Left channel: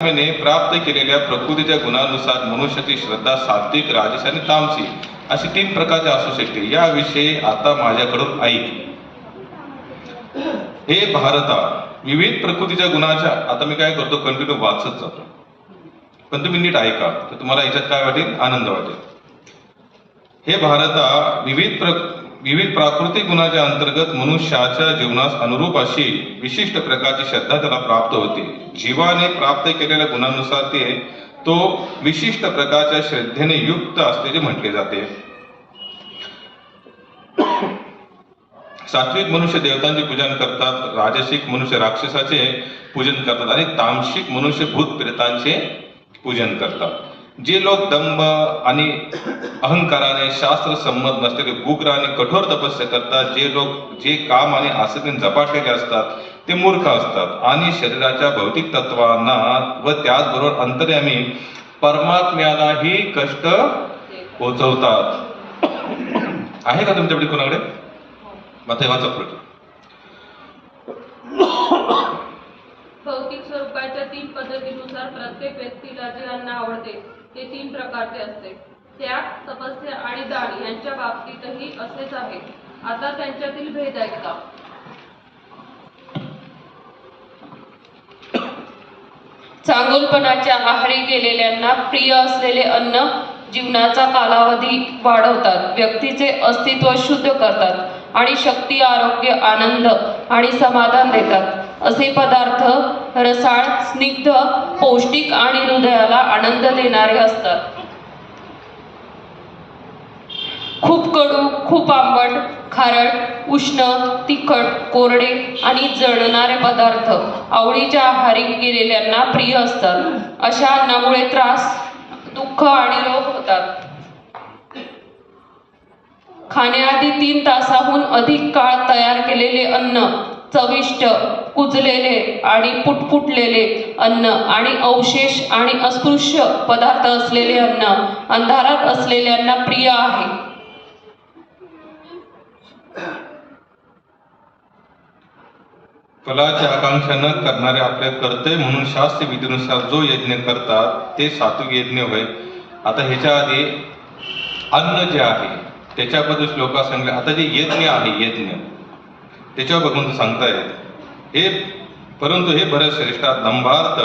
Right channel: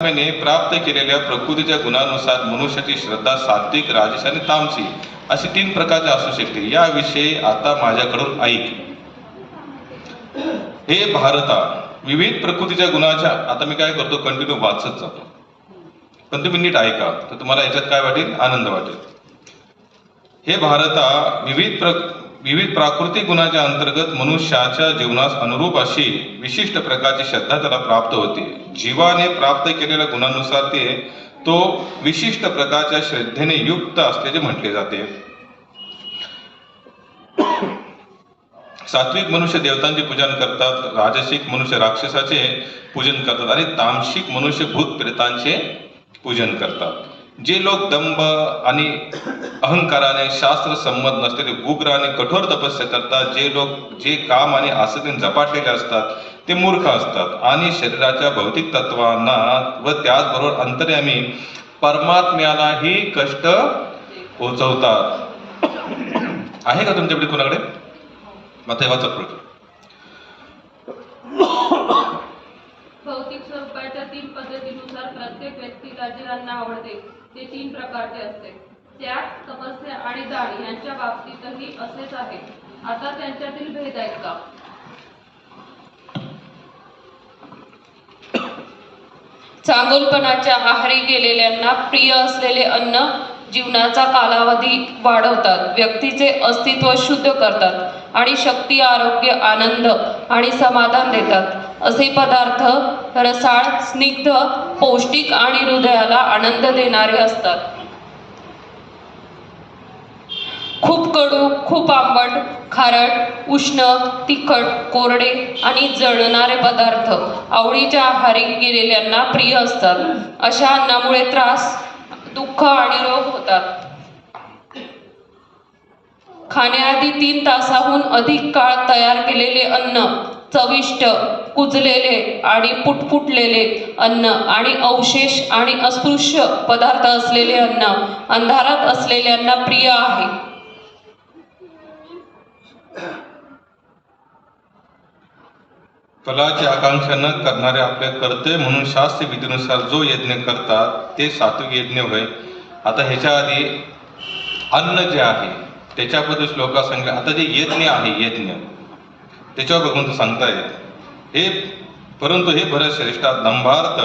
ने प्राप्त केलेल्या प्रकृतीच्या गुणानुसार मनुष्याची श्रद्धा सात्विक, राजस आणि तामसिक अशी 3 प्रकारचे असू शकते. याविषयी आता माझ्याकडून ऐक. हे भारता, विविध प्रकृतीच्या गुणाच्या, आता मी काय करतो, कंटिन्यू वाचत जातो, पण तुम्ही नीट ऐका तर तुम्हाला याच्यात काय वाटेल, आनंद वाटेल. हे भारता, विविध प्राकृतिक गुणाच्या अंतर्गत मनुष्याच्या जीवनास अनुरूप अशी विशिष्ट प्रकारची श्रद्धा त्याला प्राप्त होते. जीवाने प्राप्त केलेल्या गुणांनुसार तो विशिष्ट प्रकारच्या श्रद्धेने युक्त असल्याचे म्हटले जाते. सात्विक मनुष्य देवतांचे पूजन करतात, राजसिक मनुष्य राक्षसाचे पूजन करतात आणि तामसिक मनुष्य भूत प्रेतांचे पूजन करतात. जे लोक दंभ आणि अहंकाराने शास्त्र संमत नसलेले उग्र आणि कठोर तपस्या करतात, जे लोक जे काम आणि आसक्तीने झपाटलेले असतात ते मूर्ख असतात आणि शरीराच्या भौतिक तत्वांना व त्याचबरोबर अंतर्यामी परमात्म्यालाही कष्ट पोचवतात. आहे का तुमच्याकडे कोणाकडे? वाचा पुढे. भौतिक स्वरूपाच्या 3 पद्धतीनुसार प्रत्येक व्यक्तीला जे अन्न आवडते ते 3 प्रकारचे असते. त्याग, तपस्या आणि दान यांच्या बाबतीतही असेच आहे. आता त्यांच्यातील भेद ऐका. चांगुलपणाच्या आहारी गेलेल्यांना प्रिय असलेले अन्न जीवनाचा कालावधी वाढवतात, व्यक्तीचे अस्तित्व शुद्ध करतात आणि शक्ती, आरोग्य, आनंद आणि समाधान देतात. असे पदार्थ रसाळ, स्निग्ध, पौष्टिक आणि हृदयाला आनंद देणारे असतात. खूप कडू, खूप आंबट, खारट, उष्ण, तिखट, कोरडे आणि जळणारे पदार्थ आवडीच्या आहारी गेलेल्यांना प्रिय असतात. अशा अन्नामुळे त्रास, दुःख आणि रोग होतात. खाण्याआधी 3 तासाहून अधिक काळ तयार केलेले अन्न, चविष्ट, कुजलेले आणि पुटपुटलेले अन्न आणि अवशेष आणि अस्पृश्य पदार्थ असलेले अन्न अंधारात असलेल्यांना प्रिय आहे. फलाची आकांक्षा न करणारे आपल्या कर्तव्य म्हणून शास्त्र विधीनुसार जो यज्ञ करतात ते सात्विक यज्ञ होय. आता ह्याच्या आधी अन्न जे आहे त्याच्याबद्दल श्लोका सांगले. आता जे यज्ञ आहे, यज्ञ त्याच्यावर भगवंत सांगतायत हे, परंतु हे भरत श्रेष्ठा, दंभार्थ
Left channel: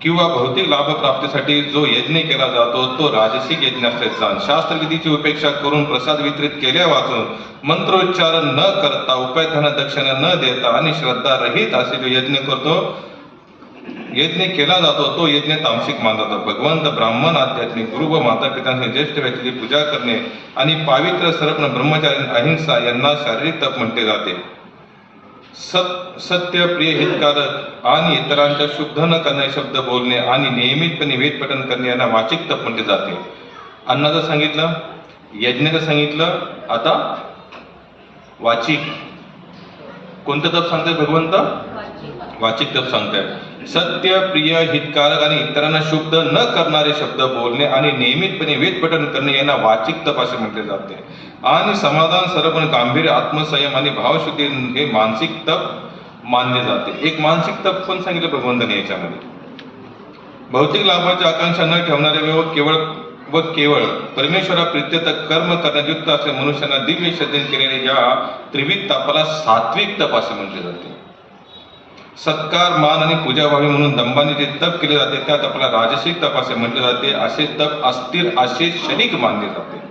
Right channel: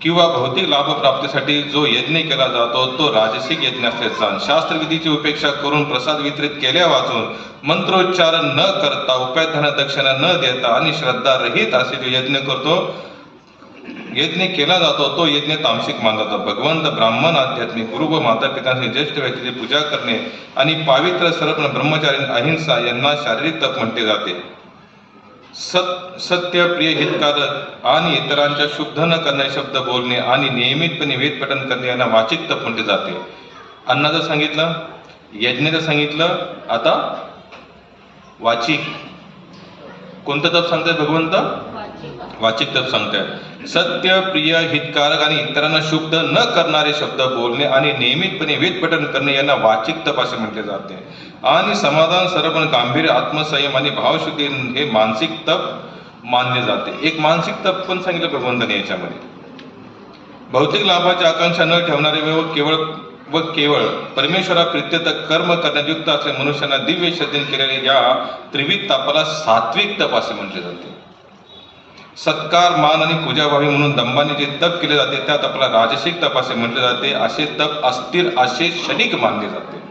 किंवा भौतिक लाभ प्राप्तीसाठी जो यज्ञ केला जातो तो राजसिक यज्ञ असल्याचे जाण. शास्त्रविधीची उपेक्षा करून प्रसाद वितरित केल्या वाचून मंत्रोच्चार न करता, उपायधन दक्षिणा न देता आणि श्रद्धा रहित असे जो यज्ञ करतो, यज्ञ केला जातो तो यज्ञ तामसिक मानला जातो. भगवंत, ब्राह्मण, आध्यात्मिक गुरु व माता पितांची ज्येष्ठ व्यक्तीची पूजा करणे आणि पावित्र्य, सरपण, ब्रह्मचारी, अहिंसा यांना शारीरिक तप म्हटले जाते. सत्य, प्रिय, हितकारक आणि इतरांच्या शुद्ध न करणारे शब्द बोलणे आणि नियमितपणे वेद पठण करणे यांना वाचिक तप म्हटले जाते. अन्नाचं सांगितलं, यज्ञाचं सांगितलं, आता वाचिक. कोणतं तप सांगताय भगवंत? वाचिक तप सांगताय. सत्य, प्रिय, हितकारक आणि इतरांना शुद्ध न करणारे शब्द बोलणे आणि नियमितपणे वेद पठण करणे यांना वाचिक तप असे म्हटले जाते. आणि समाधान, सरपण, गांभीर्य, आत्मसंयम आणि भावशुद्धी हे मानसिक तप मानले जाते. एक मानसिक तप पण सांगितलं भगवंताने याच्यामध्ये. भौतिक लाभाची आकांक्षा न ठेवणारे व केवळ परमेश्वरा प्रीत्यर्थ कर्म करण्यात युक्त असलेल्या मनुष्यांना दिव्य श्रद्धेने केलेले या त्रिविध तपाला सात्विक तप असे म्हटले जाते. सत्कार, मान आणि पूजा व्हावी म्हणून दंभाने जे तप केले जाते त्या तपाला राजसिक तप असे म्हटले जाते. असे तप अस्थिर, असे क्षणिक मानले जाते.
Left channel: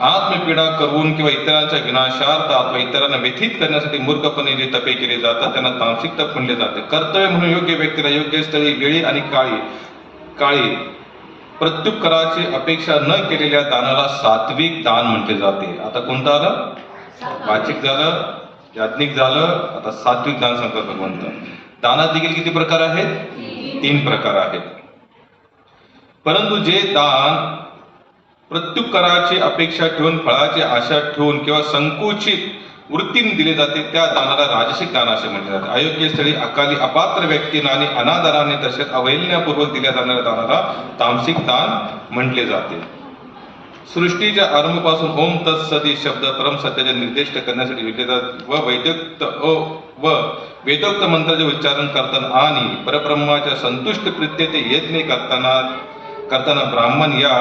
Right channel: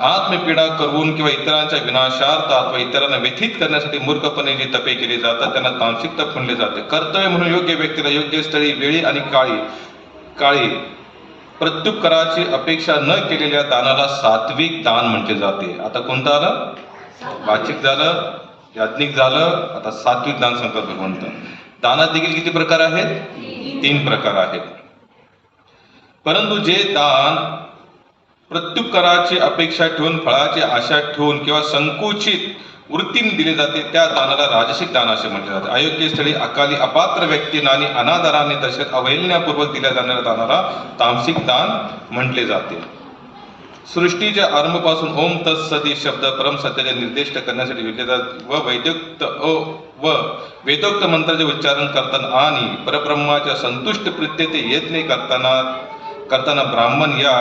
आत्मपीडा करून किंवा इतरांच्या विनाशार्थ अथवा इतरांना व्यथित करण्यासाठी मूर्खपणे जे तपे केले जातात त्यांना तामसिक तप म्हणले जाते. कर्तव्य म्हणून योग्य व्यक्तीला योग्य स्थळी, वेळी आणि काळी प्रत्युत्तराची अपेक्षा न केलेल्या दानाला सात्विक दान म्हटले जाते. आता कोणतं आलं? वाचिक झालं, याज्ञिक झालं, आता सात्विक दान सांगतात भगवंत. दानात देखील किती प्रकार आहेत? 3 प्रकार आहेत. परंतु जे दान प्रत्युत्तराची अपेक्षा ठेवून, फळाची आशा ठेवून किंवा संकुचित वृत्तीने दिले जाते त्या दानाला राजसिक दान असे म्हटले जाते. अयोग्य स्थळी, अकाली, अपात्र व्यक्तींना आणि अनादराने तसेच अवहेलनापूर्वक दिल्या जाणाऱ्या दानाला तामसिक दान म्हटले जाते. सृष्टीच्या आरंभापासून ओम तत्सदी शब्द परमसत्याचे निर्देश करण्यासाठी विद्येतात व वेदोक्त मंत्राचे उच्चारण करताना आणि परब्रह्माच्या संतुष्ट प्रीत्यते यज्ञ करताना ब्राह्मण या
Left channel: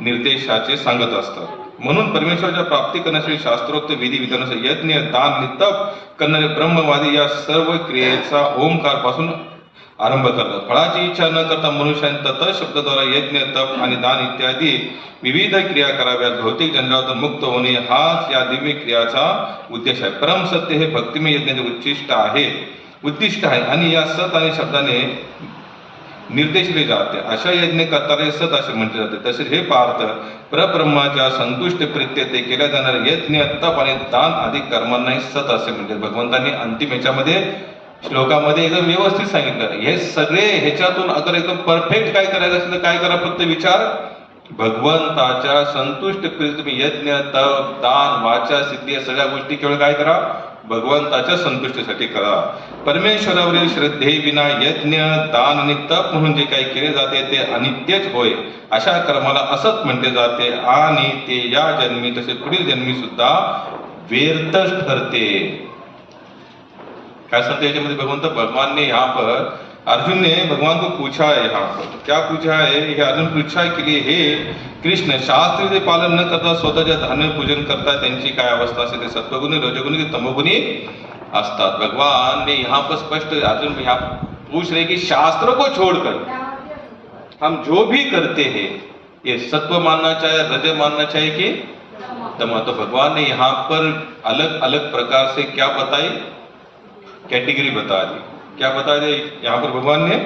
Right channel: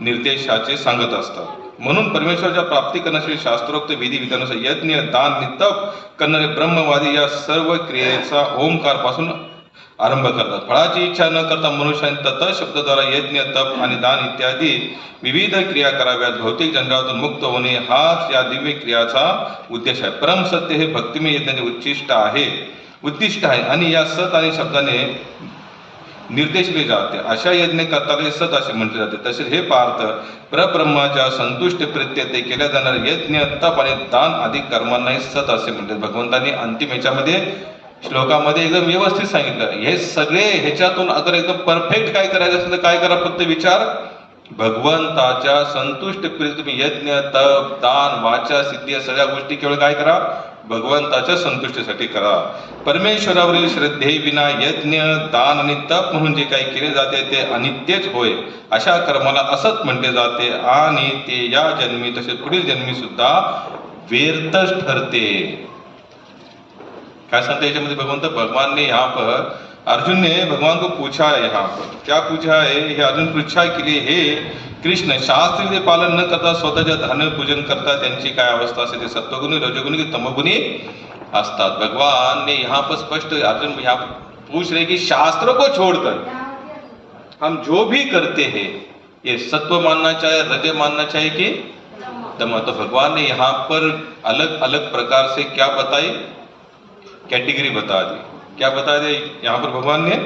निर्देशाचे सांगत असतात. म्हणून परमेश्वराच्या प्राप्ती करण्यासाठी शास्त्रोक्त विधी विधानानुसार यज्ञ दान आणि तप करणारे ब्रह्मवादी या सर्व क्रियेचा ओंकार पासून आरंभ करतात. फळाची इच्छा न करता मनुष्याने तत शब्दाद्वारा यज्ञ तप आणि दान इत्यादी विविध क्रिया कराव्यात. भौतिक जंजाळातून मुक्त होणे हाच या दिव्य क्रियाचा उद्देश आहे. परमसत्य हे भक्तिमय यज्ञाचे उद्दिष्ट आहे आणि या सत आणि शब्दाने निर्देशले जाते. अशा यज्ञ करताना सत असे म्हटले जाते. तसेच हे पार्थ परब्रह्माच्या संतुष्ट प्रीत्यते केल्या जाणारे यज्ञ तप आणि दान आदी कर्मांनाही सत असे म्हणतात. भगवंतांनी अंतिम याच्यामध्ये श्लोकामध्ये एकदम व्यवस्थित सांगितलं. हे सगळे ह्याच्यातून अगर एकदम परफेक्ट काय करायचं असेल तर काय करा, फक्त विचार भगवंताच्या संतुष्ट प्रीती यज्ञ तप दान वाचा सिद्धी या सगळ्या गोष्टी केवळ काय करा, भगवंताच्या संतुष्टीसाठी करा. परमेश्वरावरील श्रद्धेविना यज्ञ दान आणि तप म्हणून जे काही केले जाते ते अनित्यच होय. अशा कर्माला असत म्हटले जाते आणि ते या जन्मी तसे पुढील जन्मी सुद्धा व्यर्थच ठरते. क्या सांगते याच्यामध्ये भगवान ने यहाँ पर अर्जुन ने भगवान को पूछा है. यहाँ पर क्या पूछा है, हे अर्जुन पृच्छा के लिए हे कृष्ण शास्त्रीय पालन न करता स्वतःच्या धर्म पूजन करता त्यांची काय अवस्था असते, ते सत्वगुणी रजोगुणी की तमोगुणी असतात. भगवान ने यहाँ पर स्पष्ट अर्जुन यहाँ पूछ रहे कि शास्त्रों को छोड़कर हम जो भी करते हैं ये सत्व मानना चाहिए, रज मानना चाहिए कि तम. तो भगवान ने यहाँ पर अलग अलग प्रकार से क्या बताई, कैटेगरी बता दी. क्या बता दे यहाँ पर भगवान ने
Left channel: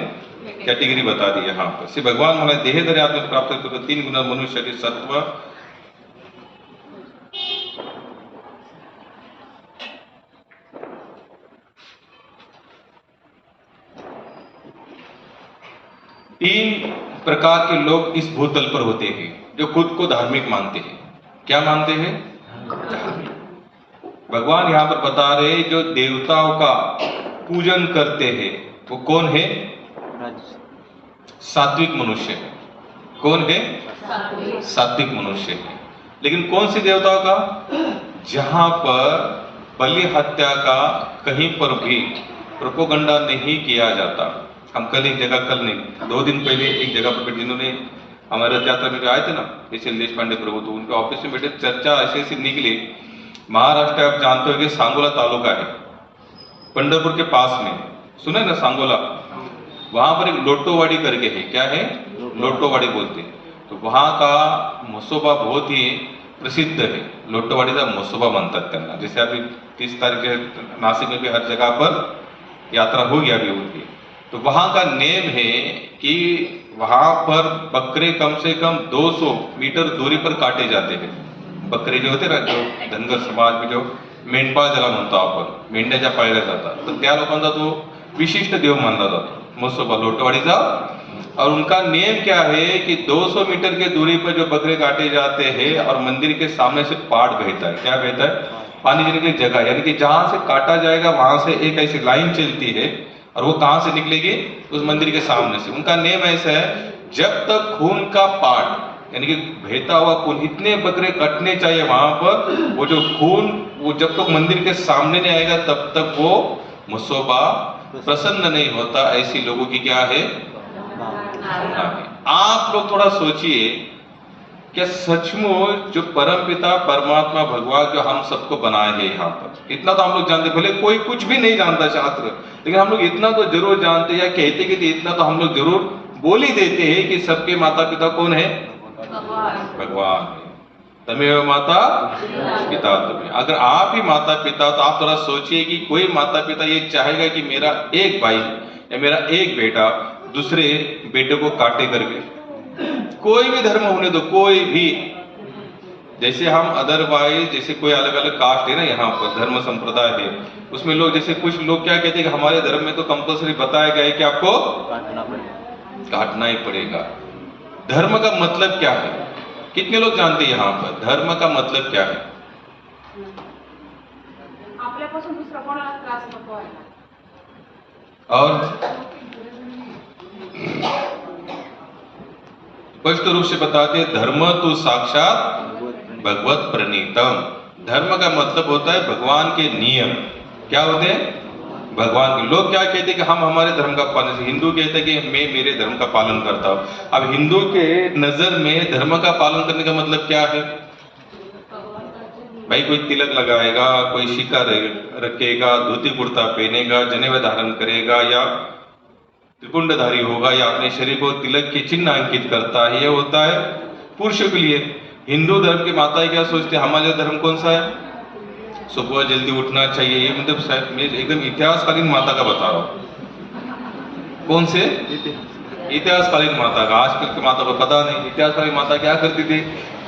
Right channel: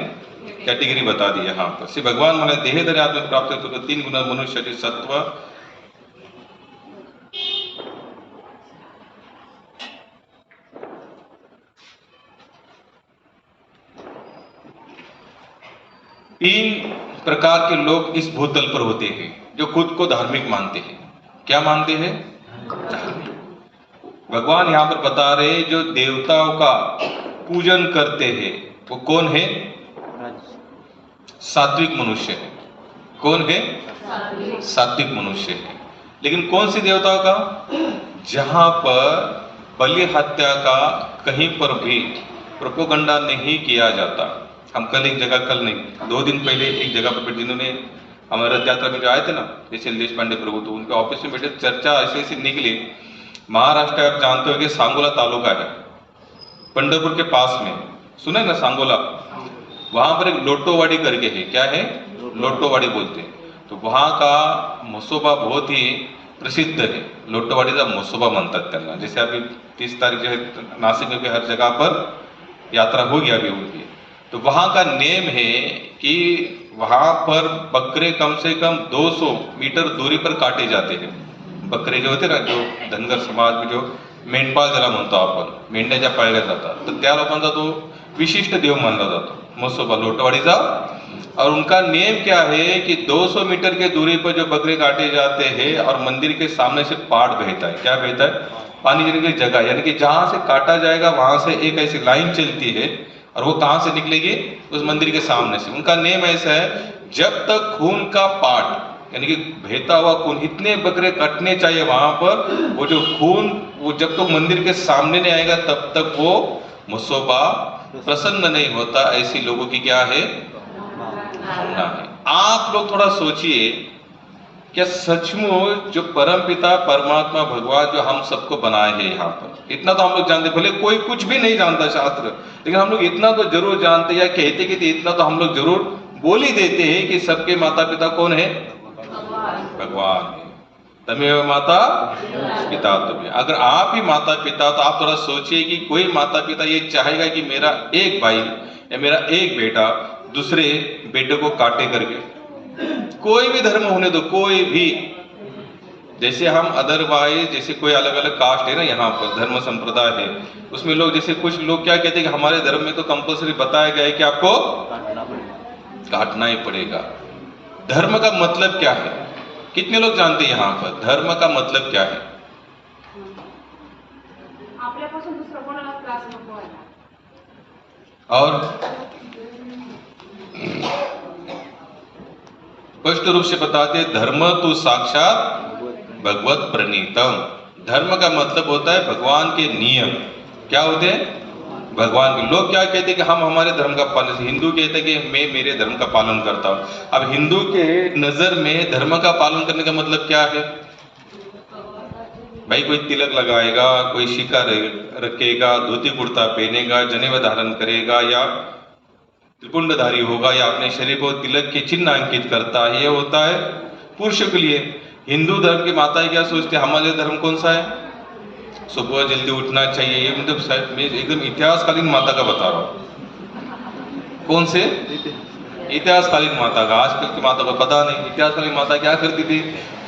कैटेगरी बता दी. यहाँ पर श्री भगवान मला देहधरी आत्म प्राप्त होतो. 3 गुण मनुष्याचे सत्व, तीन प्रकार के लोग इस भूतल पर होते हैं जो खुद को धार्मिक मानते हैं. क्या मानते हैं, धार्मिक. भगवान यहाँ पर बता रहे जो देवताओं का पूजन करते हैं वो कौन है, सात्विक मनुष्य है. कौन है, सात्विक मनुष्य है. लेकिन कौन सी देवताओं का, जहां पर बलि हत्या का कहीं पर भी प्रोपोगंडा नहीं किया जाता. हम कल एक जगह, कल नहीं 2 दिन पहले एक जगह पर जिन्होंने हमारे रथ यात्रा में जो आए थे ना, जैसे देश पांडे प्रभु, तो उनके ऑफिस में बैठे चर्चा ऐसी ऐसी निकली. महाराष्ट्र आप जानते हो कि सांगोला तालुका है, पंढरपुर के पास में, सुने ना सांगोला, वहां पर एक लोटोवाड़ी करके है. क्या है, लोटोवाड़ी बोलते हैं. तो वहां का मसोबा बहुत ही प्रसिद्ध है. लोटोवाड़ीचा मसोबा म्हणतात त्यांना. जैसे अभी 30 तारीख जो है नासिक में भी हर जगह पर यात्रा होगी अभी उनकी. तो वहां का नेम है कि वहां पर बकरे कम से कम 200 मीटर दूरी पर काटे जाते हैं. बकरे जो होते ना, जो धनगर समाज में जो मेंढपाळ ज्याला म्हणतो आपण, मेंढ्या ज्या पाळल्या जातात, तर त्या लोकांचा तो विशिष्ट देव मानला जातो मसोबा लोटवाड़ीचा. और उनका नेम क्या है कि 200 मीटर के दूरी पर जो बकरे काटे जाते हैं और मंदिर के सामने से पाट बहता है. क्या बहता है, पानी गिरने की जगह, यानी कि जहां से काटा जाएगा वहां से एक ऐसी लाइन चलती है और वो कहां से निकलेगी, उस मंदिर के सामने से. उनका नेम ऐसा है, जब तक खून का पाट यानी कि बहता हुआ खून, इतने बकरे कटने चाहिए वहां पर, वो जो खून वो जब तक मंदिर के सामने नहीं आएगा तब तक वो मसोबा प्रसन्न नहीं होता. ऐसी लोगों की क्या है, भावना है. आप लोग थोड़ा सोचिए, क्या सचमुच जो परमपिता परमात्मा भगवान जो हम सबको बनाए हैं यहाँ पर, इतना तो हम लोग जानते, भले कोई कुछ भी नहीं जानता शास्त्र, लेकिन हम लोग इतना तो जरूर जानते, या कहते कि इतना तो हम लोग जरूर बोल ही देते हैं कि सबके माता पिता कौन है, भगवान है. तमेव माता पिता तुम्हें. अगर आप ही माता पिता, तो आप थोड़ा सोचिए कि कोई माता पिता ये चाहेगा कि मेरा एक भाई या मेरा एक बेटा दूसरे बेटे को काटे करके. कोई भी धर्म होने दो, कोई भी. जैसे हम अदरवाइज, जैसे कोई अलग अलग कास्ट है ना यहाँ पर, धर्म संप्रदाय है, उसमें लोग जैसे कुछ लोग क्या कहते हैं कि हमारे धर्म में तो कंपल्सरी बताया गया है कि आपको काटना ही पड़ेगा. धर्म का मतलब क्या है, कितने लोग जानते हैं यहाँ पर धर्म का मतलब क्या है? आपल्यापासून दुसरा कोणाला त्रास नको व्हायला. और स्पष्ट रूप से बताते धर्म तो साक्षात भगवत प्रणीतम। धर्म का मतलब होता है भगवान के नियम। क्या होते हैं? भगवान के। लोग क्या कहते हैं कि हम हमारे धर्म का पालन, हिंदू कहते हैं कि मैं मेरे धर्म का पालन करता हूं। अब हिंदू के नजर में धर्म का पालन करने का मतलब क्या है? भाई कोई तिलक लगाएगा, कोई शिखा रखेगा, धोती कुर्ता पहनेगा, जनेऊ धारण करेगा, या त्रिपुंडधारी होगा, या अपने शरीर को तिलक के चिन्ह अंकित करता है, ये होता है पुरुषों के लिए। हिंदू धर्म की माताएं क्या सोचते हैं? हमारे धर्म कौन सा है? सुबह जल्दी उठना चाहिए। ये मतलब मैं एकदम इतिहासकालीन माता का बता रहा हूँ। कौन से? इतिहासकालीन माता का। आजकल की माता को पता नहीं। इतिहासकालीन माता क्या करती थी?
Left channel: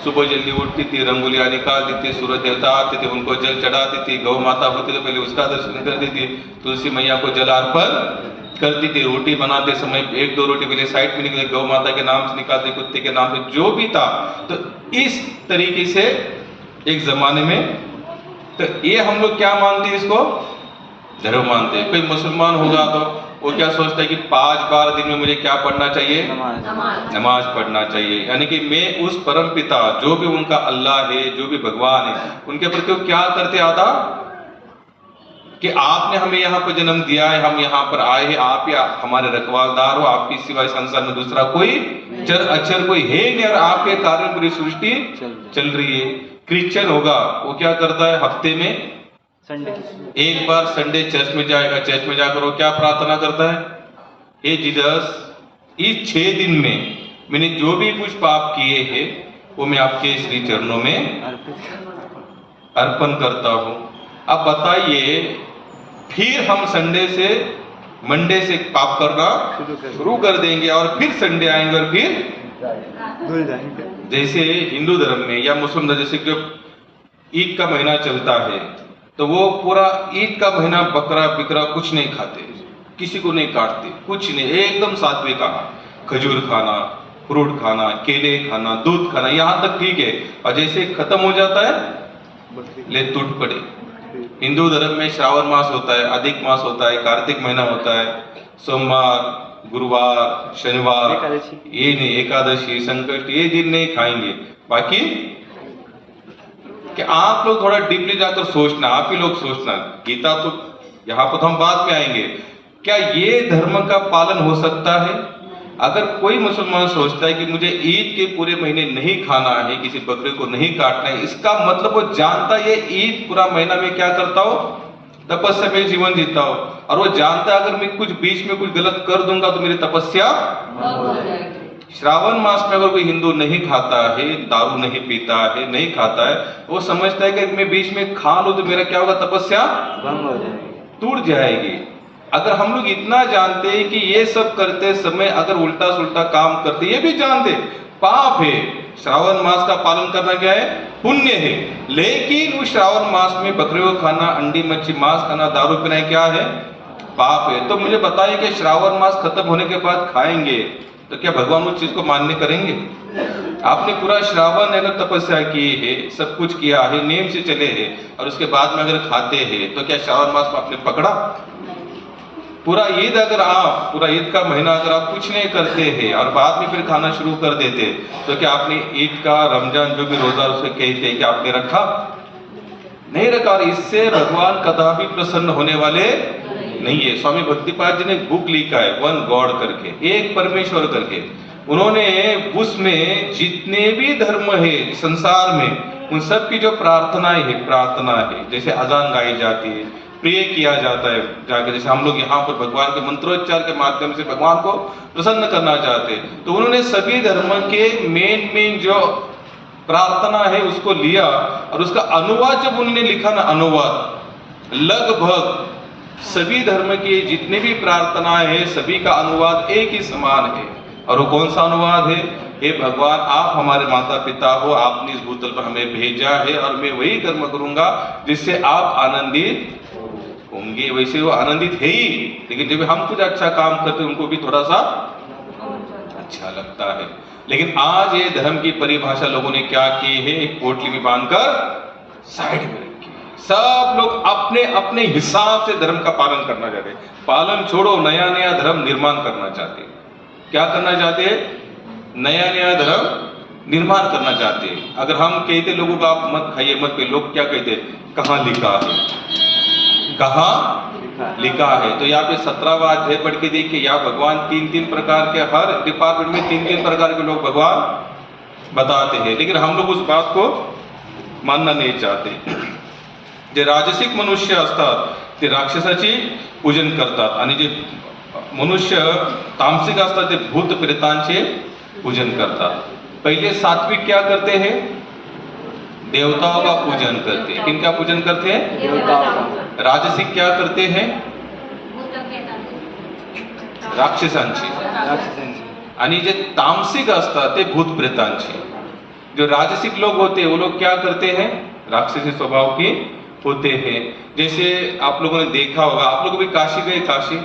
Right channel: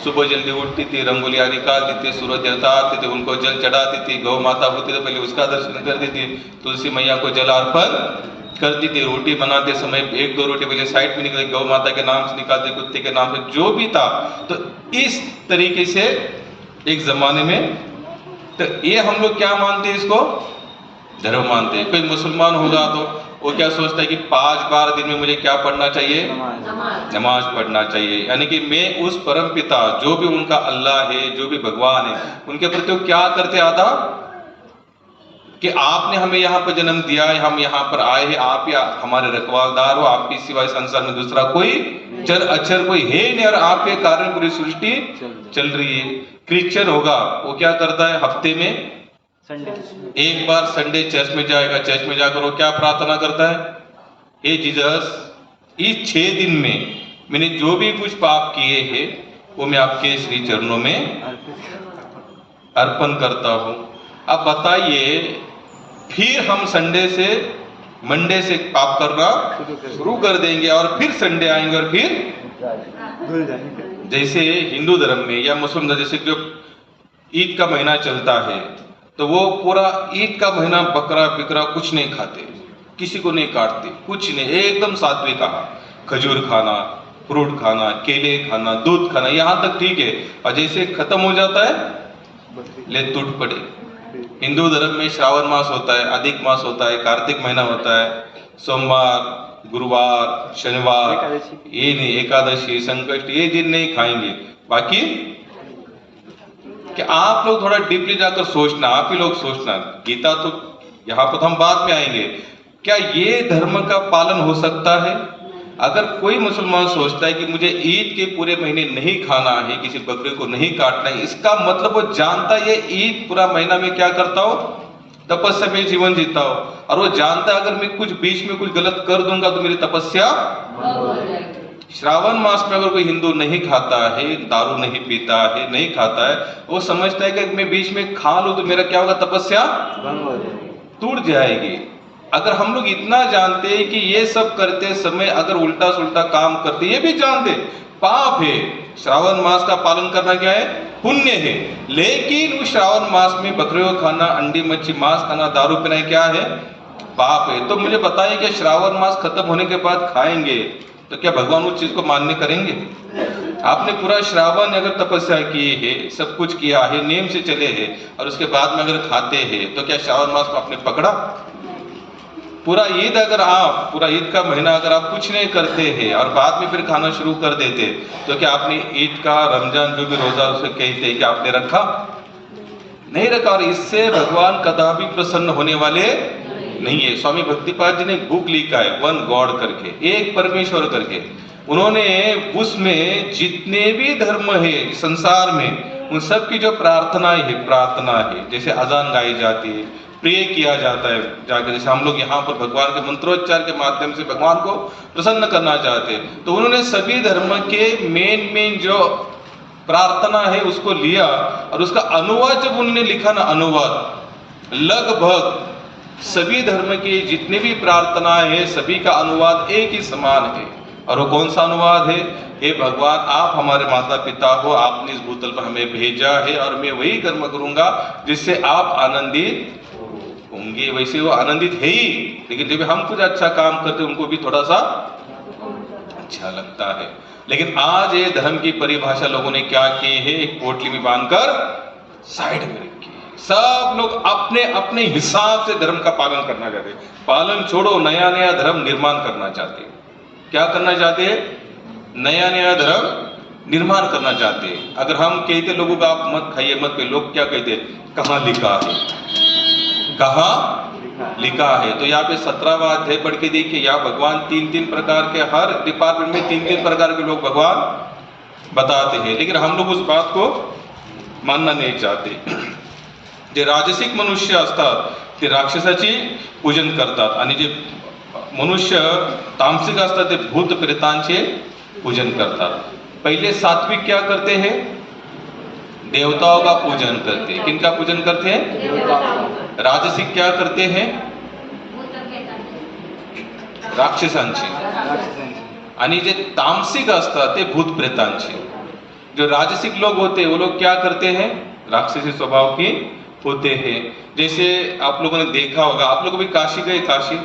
सुबह जल्दी उठती थी, रंगोलियां निकालती थी, सूरज देवता आते थे, उनको जल चढ़ाती थी। गौ माता होती तो पहले उसका दर्शन करती थी, तुलसी मैया को जल अर्पण करती थी। रोटी बनाते समय 1-2 रोटी पहले साइड में निकले, गौ माता के नाम से निकालते, कुत्ते के नाम से, जो भी था। तो इस तरीके से एक जमाने में, तो ये हम लोग क्या मानते हैं? इसको धर्म मानते हैं। कोई मुसलमान होगा तो वो क्या सोचता है कि 5 बार दिन में मुझे क्या पढ़ना चाहिए? नमाज पढ़ना चाहिए। यानी कि मैं उस परम पिता, जो भी उनका अल्लाह है, जो भी भगवान है, उनके प्रति वो क्या करते आता कि आपने हमें यहाँ पर जन्म दिया है, हम यहाँ पर आए हैं, आप ही हमारे रखवालदार हो, आपके सिवाय संसार में दूसरा कोई चर अक्षर कोई है नहीं, और आपके कारण पूरी सृष्टि चल रही है। क्रिश्चियन होगा, वो क्या करता है? हफ्ते में एक बार संडे चर्च में जाएगा। चर्च में जाकर वो क्या प्रार्थना करता है? हे जीसस, इस 6 दिन में मैंने जो भी कुछ पाप किए हैं वो मैं आपके श्री चरणों में अर्पण करता हूं। अब बताइए, फिर हम मंडे से पाप करना शुरू कर देंगे, और फिर संडे आएंगे, और फिर जैसे हिंदू धर्म में या मुस्लिम धर्म, जैसे जो ईद का महीना चलता है, तो वो पूरा ईद का महीना बकरा बिकरा कुछ नहीं खाते, किसी को नहीं काटते, कुछ नहीं, एकदम सात्विक आहार, खजूर खाना, फ्रूट खाना, केले खाना, दूध खाना, यहाँ तक ठीक है। और जैसे खत्म हो जाता है, ले टूट पड़े। हिंदू धर्म में श्रावण मास होता है, अधिक मास होता है, कार्तिक महीना होता है, सोमवार, गुरुवार, शनिवार, ये नहीं, एकादशी, संकष्ट, ये दिन नहीं खाएंगे। बाकी कि आप लोग थोड़ा डीपली जाकर सोचना, आप ही लोग सोचना, गीता तो यहाँ पर हम बाद में आएंगे, क्या ये धर्म का पालन हो सकता है? अगर कोई मुसलमान सोचता है कि मुझे ईद के पूरे महीने नहीं खाना है, किसी बकरे को नहीं काटना है, इसका मतलब वो जानता है ये ईद पूरा महीना में क्या करता हो? तपस्या में जीवन जीता हो। और वो जानता है अगर मैं कुछ बीच में कुछ गलत कर दूंगा तो मेरी तपस्या हो जाएगी। श्रावण मास में अगर कोई हिंदू नहीं खाता है, दारू नहीं पीता है, नहीं खाता है, वो समझता है कि मैं बीच में खा लूं तो मेरा क्या होगा? तपस्या टूट जाएगी। अगर हम लोग इतना जानते हैं कि ये सब करते समय अगर उल्टा सुल्टा काम करते, ये भी जानते पाप है, श्रावण मास का पालन करना क्या है? पुण्य है। लेकिन उस श्रावण मास में बकरे को खाना, अंडी मच्छी मांस खाना, दारू पीना क्या है? पाप है। तो मुझे बताइए कि श्रावण मास खत्म होने के बाद खाएंगे तो क्या भगवान उस चीज को मान्य करेंगे? आपने पूरा श्रावण अगर तपस्या की है, सब कुछ किया है, नियम से चले हैं, और उसके बाद में अगर खाते हैं तो क्या श्रावण मास में आपने पकड़ा? पूरा ईद का महीना अगर आप कुछ नहीं करते हैं और बाद में फिर खाना शुरू कर देते, तो क्या आपने ईद का, रमजान जो भी रोजा उसे कहते हैं कि आपने रखा? नहीं रखा। और इससे भगवान कदापि प्रसन्न होने वाले नहीं है। स्वामी भक्तिपाद जी ने एक बुक लिखा है, वन गॉड करके, एक परमेश्वर करके। उन्होंने उसमें जितने भी धर्म है संसार में, उन सब की जो प्रार्थना है, जैसे अजान गाई जाती है, प्रे किया जाता है जाकर, जैसे हम लोग यहाँ पर भगवान के मंत्रोच्चार के माध्यम से भगवान को प्रसन्न करना चाहते हैं, तो उन्होंने सभी धर्म के मेन जो प्रार्थना है उसको लिया, और उसका अनुवाद जब उन्होंने लिखा ना, अनुवाद लगभग सभी धर्म की जितने भी प्रार्थनाएं हैं सभी का अनुवाद एक ही समान है। और वो कौन सा अनुवाद है? हे भगवान, आप हमारे माता पिता हो, आपने इस भूतल पर हमें भेजा है, और मैं वही कर्म करूंगा जिससे आप आनंदित होंगे। वैसे वो आनंदित है ही, लेकिन जब हम कुछ अच्छा काम करते उनको भी थोड़ा सा अच्छा लगता है। लेकिन आज ये धर्म की परिभाषा लोगों ने क्या की है? एक पोटली में बांधकर साइड में रखी है। सब लोग अपने अपने हिसाब से धर्म का पालन करना चाहते हैं। पालन छोड़ो, नया नया धर्म निर्माण करना चाहते हैं। क्या करना चाहते हैं? नया नया धर्म निर्माण करना चाहते हैं। अगर हम कहते लोगों को आप मत खाइए मत पे, लोग क्या कहते, कहाँ लिखा है, कहाँ लिखा है? तो यहाँ पे 17वां अध्याय पढ़ के देखिए, यहाँ भगवान तीन प्रकार के, हर डिपार्टमेंट में तीन प्रकार के लोग भगवान बताते हैं, लेकिन हम लोग उस बात को मानना नहीं चाहते। जे राजसिक मनुष्य असतात ते राक्षसाची पूजन करतात आणि जे मनुष्य तामसिक असतात ते भूत प्रेतांचे पूजन करतात। पहले सात्विक क्या करते हैं? देवताओं का पूजन करते हैं। किनका पूजन करते हैं? राजसिक क्या करते हैं? राक्षसांची। आणि जे तामसिक असतात ते भूत प्रेतांचे। जो राजसिक लोग होते हैं वो लोग क्या करते हैं? राक्षसी स्वभाव के होते हैं। जैसे आप लोगों ने देखा होगा, आप लोग भी काशी गए? काशी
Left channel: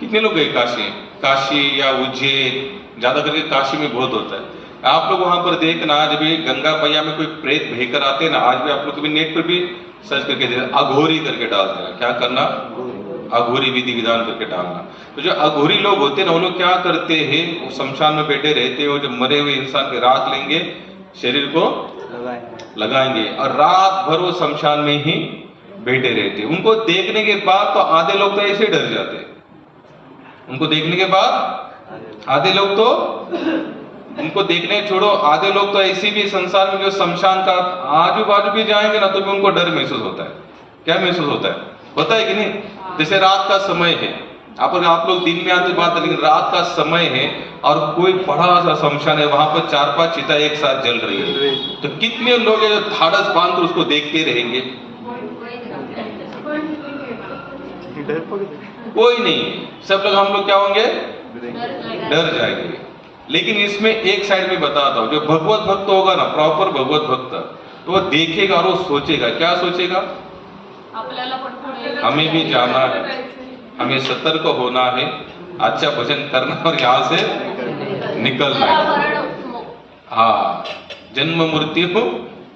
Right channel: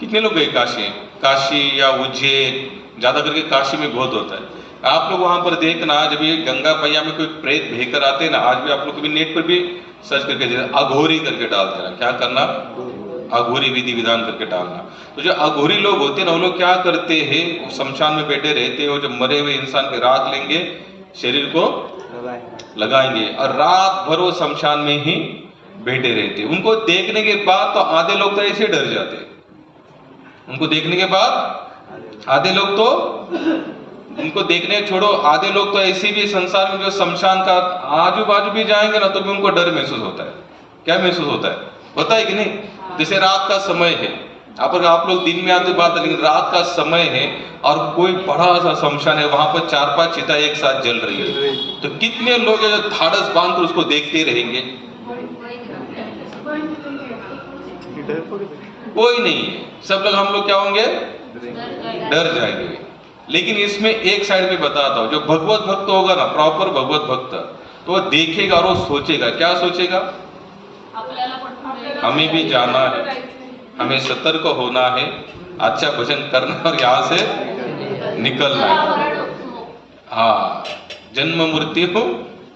कितने लोग गए? काशी या उज्जैन, ज्यादा करके काशी में बहुत होता है। आप लोग वहां पर देखना, जब ये गंगा पैया में कोई प्रेत बहकर आते हैं ना, आज भी आप लोग कभी नेट पर भी सर्च करके देना, अघोरी करके डाल देना। क्या करना? अघोरी विधि विधान करके डालना। तो जो अघोरी लोग होते हैं ना, वो लोग क्या करते हैं, वो शमशान में बैठे रहते हैं, वो जो मरे हुए इंसान के राख लेंगे, शरीर को लगाएंगे और रात भर वो शमशान में ही बैठे रहते हैं। उनको देखने के बाद तो आधे लोग तो ऐसे डर जाते हैं। उनको देखने के बाद आधे लोग तो, उनको देखने छोड़ो, आधे लोग तो ऐसे भी संसार में जो शमशान का आजू बाजू भी जाएंगे ना, तो भी उनको डर महसूस होता है। क्या महसूस होता है? होता है कि नहीं? जैसे रात का समय है, आप लोग दिन में आते बात है, लेकिन रात का समय है और कोई बड़ा सा शमशान है, वहां पर 4-5 चिता एक साथ जल रही है, तो कितने लोग हैं जो धाड़स बांध कर उसको देखते रहेंगे? कोई नहीं। सब लोग, हम लोग क्या होंगे? डर जाएंगे। लेकिन इसमें एक साइड में बताता हूं, जो भगवत भक्त होगा ना, प्रॉपर भगवत भक्त, तो वो देखेगा और वो सोचेगा। क्या सोचेगा? हमें भी जाना है, हमें सतर्क होना है, अच्छा भजन करना और यहाँ से निकलना है। हाँ, जन्म मृत्यु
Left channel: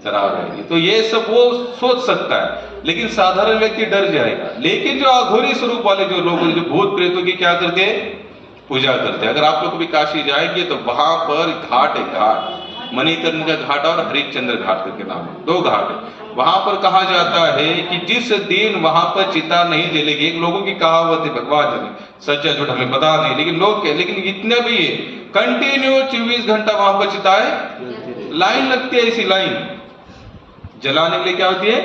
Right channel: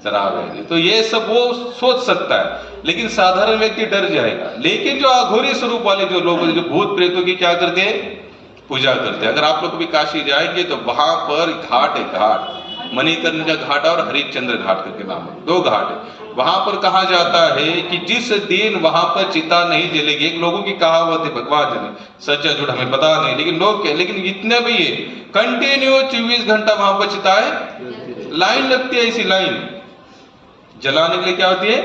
जरा रहेगी, तो ये सब वो सोच सकता है, लेकिन साधारण व्यक्ति डर जाएगा। लेकिन जो अघोरी स्वरूप वाले जो लोग, जो भूत प्रेतों की क्या करते हैं? पूजा करते हैं। अगर आप लोग भी काशी जाएंगे तो वहां पर घाट है, घाट मणिकर्णिका घाट और हरिश्चंद्र घाट करके नाम है, 2 घाट है। वहां पर कहा जाता है कि जिस दिन वहां पर चिता नहीं जलेगी, एक लोगों की कहावत है, भगवान जाने सच्चा झूठ हमें पता नहीं, लेकिन लोग क्या, लेकिन इतने भी है, कंटिन्यू 24 घंटा वहां पर चिताएं, लाइन लगती है। ऐसी लाइन जलाने के लिए क्या होती है?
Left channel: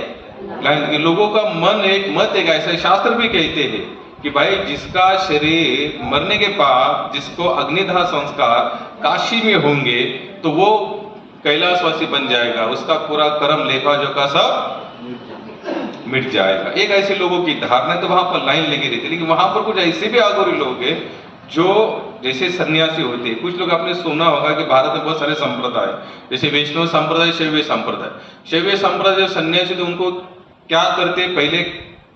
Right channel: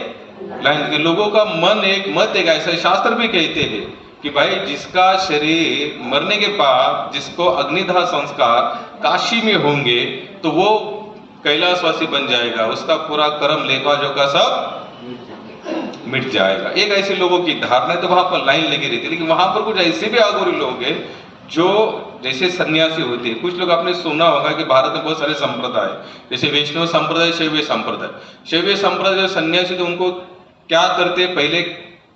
लाइन। के लोगों का मन एक मत एक ऐसा, शास्त्र भी कहते हैं कि भाई जिसका शरीर मरने के बाद जिसको अग्निदाह संस्कार काशी में होंगे तो वो कैलाशवासी बन जाएगा, उसका पूरा कर्म लेखा जोखा सब मिट जाएगा। एक ऐसे लोगों की धारणा है, तो वहां पर लाइन लगी रहती है। लेकिन वहां पर कुछ ऐसे भी अघोरी लोग हैं जो जैसे सन्यासी होते हैं। कुछ लोग आपने सुना होगा कि भारत में बहुत सारे संप्रदाय, जैसे वैष्णव संप्रदाय, शैव संप्रदाय। शैव संप्रदाय जो सन्यासी थे उनको क्या करते, पहले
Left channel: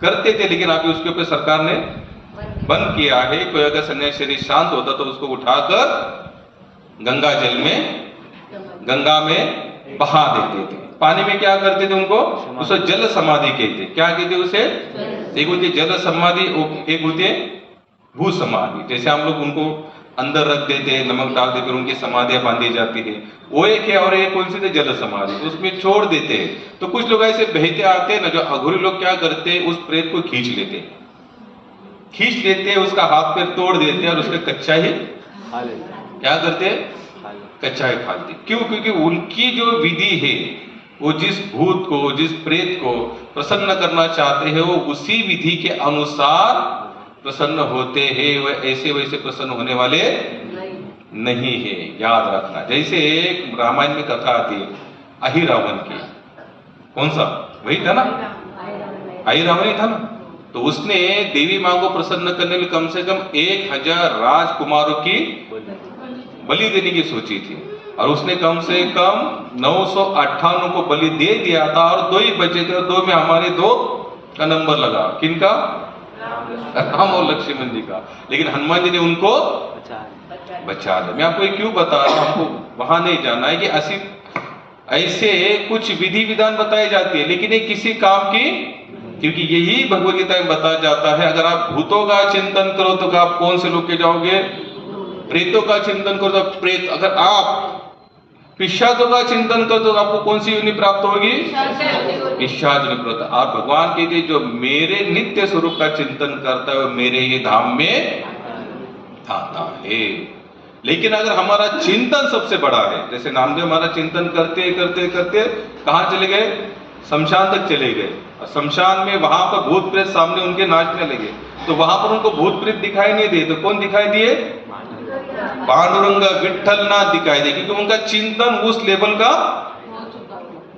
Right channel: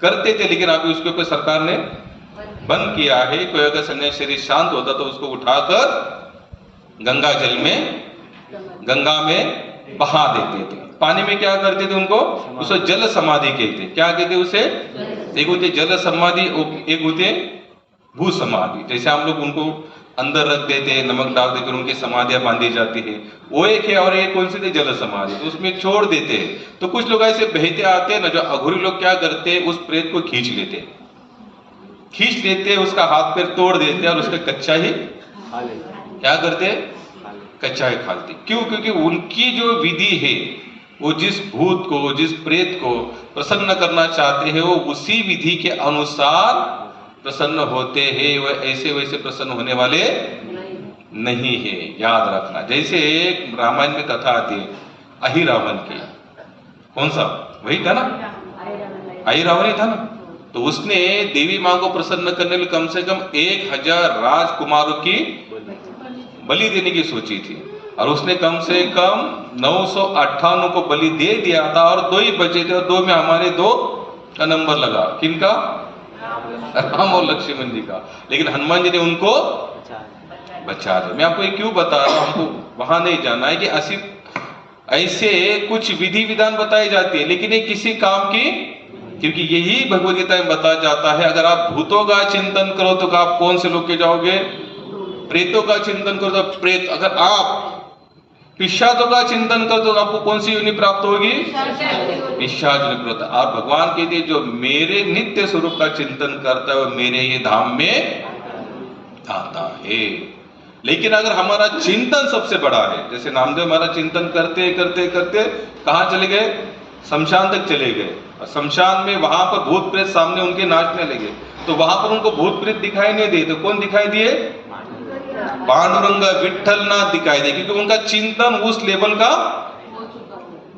करते थे, लेकिन अभी उसके ऊपर सरकार ने बंद किया है। कोई अगर सन्यासी शरीर शांत होता तो उसको उठाकर गंगा जल में, गंगा में बहा देते थे। पानी में क्या करते थे उनको? उसे जल समाधि कहते। क्या कहते उसे? एक होती जल समाधि, एक होती भू समाधि। जैसे हम लोग उनको अंदर रख देते हैं, नमक डाल देकर उनकी समाधियां बांधी जाती है, वो एक है। और एक कौन सी थी? जल समाधि, तो उसमें छोड़ देते हैं। तो कुछ लोग ऐसे बहते आते हैं ना, जो अघोरी लोग क्या करते हैं, उस प्रेत को खींच लेते, उसका हाथ पैर तोड़ देते और उसका कच्चा ही क्या करते? कच्चा ही खाते। क्यों? क्योंकि उनकी जो विधि है, वो जिस भूत को, जिस प्रेत को प्रसन्न करना चाहते हैं, वो उसी विधि के अनुसार प्रसन्न होते हैं। वह ऐसे वैसे प्रसन्न होने वाले नहीं है, याद रखना। जैसे एक रामायण में कथा आती है अहि रावण की, कौन सा? वही था ना, अहि रावण ही था ना। तो उसने देवी मां को प्रसन्न करने के लिए कम से कम 1000 राजकुमारों की बलि देने की सोची थी, और उसने कम से कम 958 को बलि दे दिया था, और 2 ही बचे थे, और 2 में हमारे 2 का नंबर लगा। किनका? राम और लक्ष्मण जी का। लेकिन हनुमान जी ने उनको बचा लिया। मैं आपको ये क्यों बता रहा हूं, हमको वहां नहीं जाना है कि ऐसे कुछ विधि विधान बताई जाती है, लेकिन ये किसी काम की, क्योंकि यही भगवद गीता में बताया जाता है, अगर आप भूतों का चिंतन करो तो आप कौन से लोग के जाओगे? प्रेतों का चिंतन करो तो प्रेत, अगर आप पिशाचों का चिंतन करो तो आपको कौन सी योनि प्राप्त होगी? पिशाच योनि प्राप्त। आप भगवान कहते हैं जो मेरे नित्य स्वरूप का चिंतन करता है वो मेरे ही धाम में आता है। लेकिन अगर हमारा चिंतन सबसे बड़ा है, जैसे नामदेव हमारा चिंतन करते करते करते कहाँ चले गए? शमशान तक चले गए। और शमशान में वहां पर भूत प्रेत सामने उनके नाचने लगे, तो वहां पर उनको भूत प्रेत दिखाई नहीं दिए, तो कौन दिखाई दिए? पांडुरंग विठ्ठलनाथ दिखाई दिए, क्योंकि उनका चिंतन उस लेवल का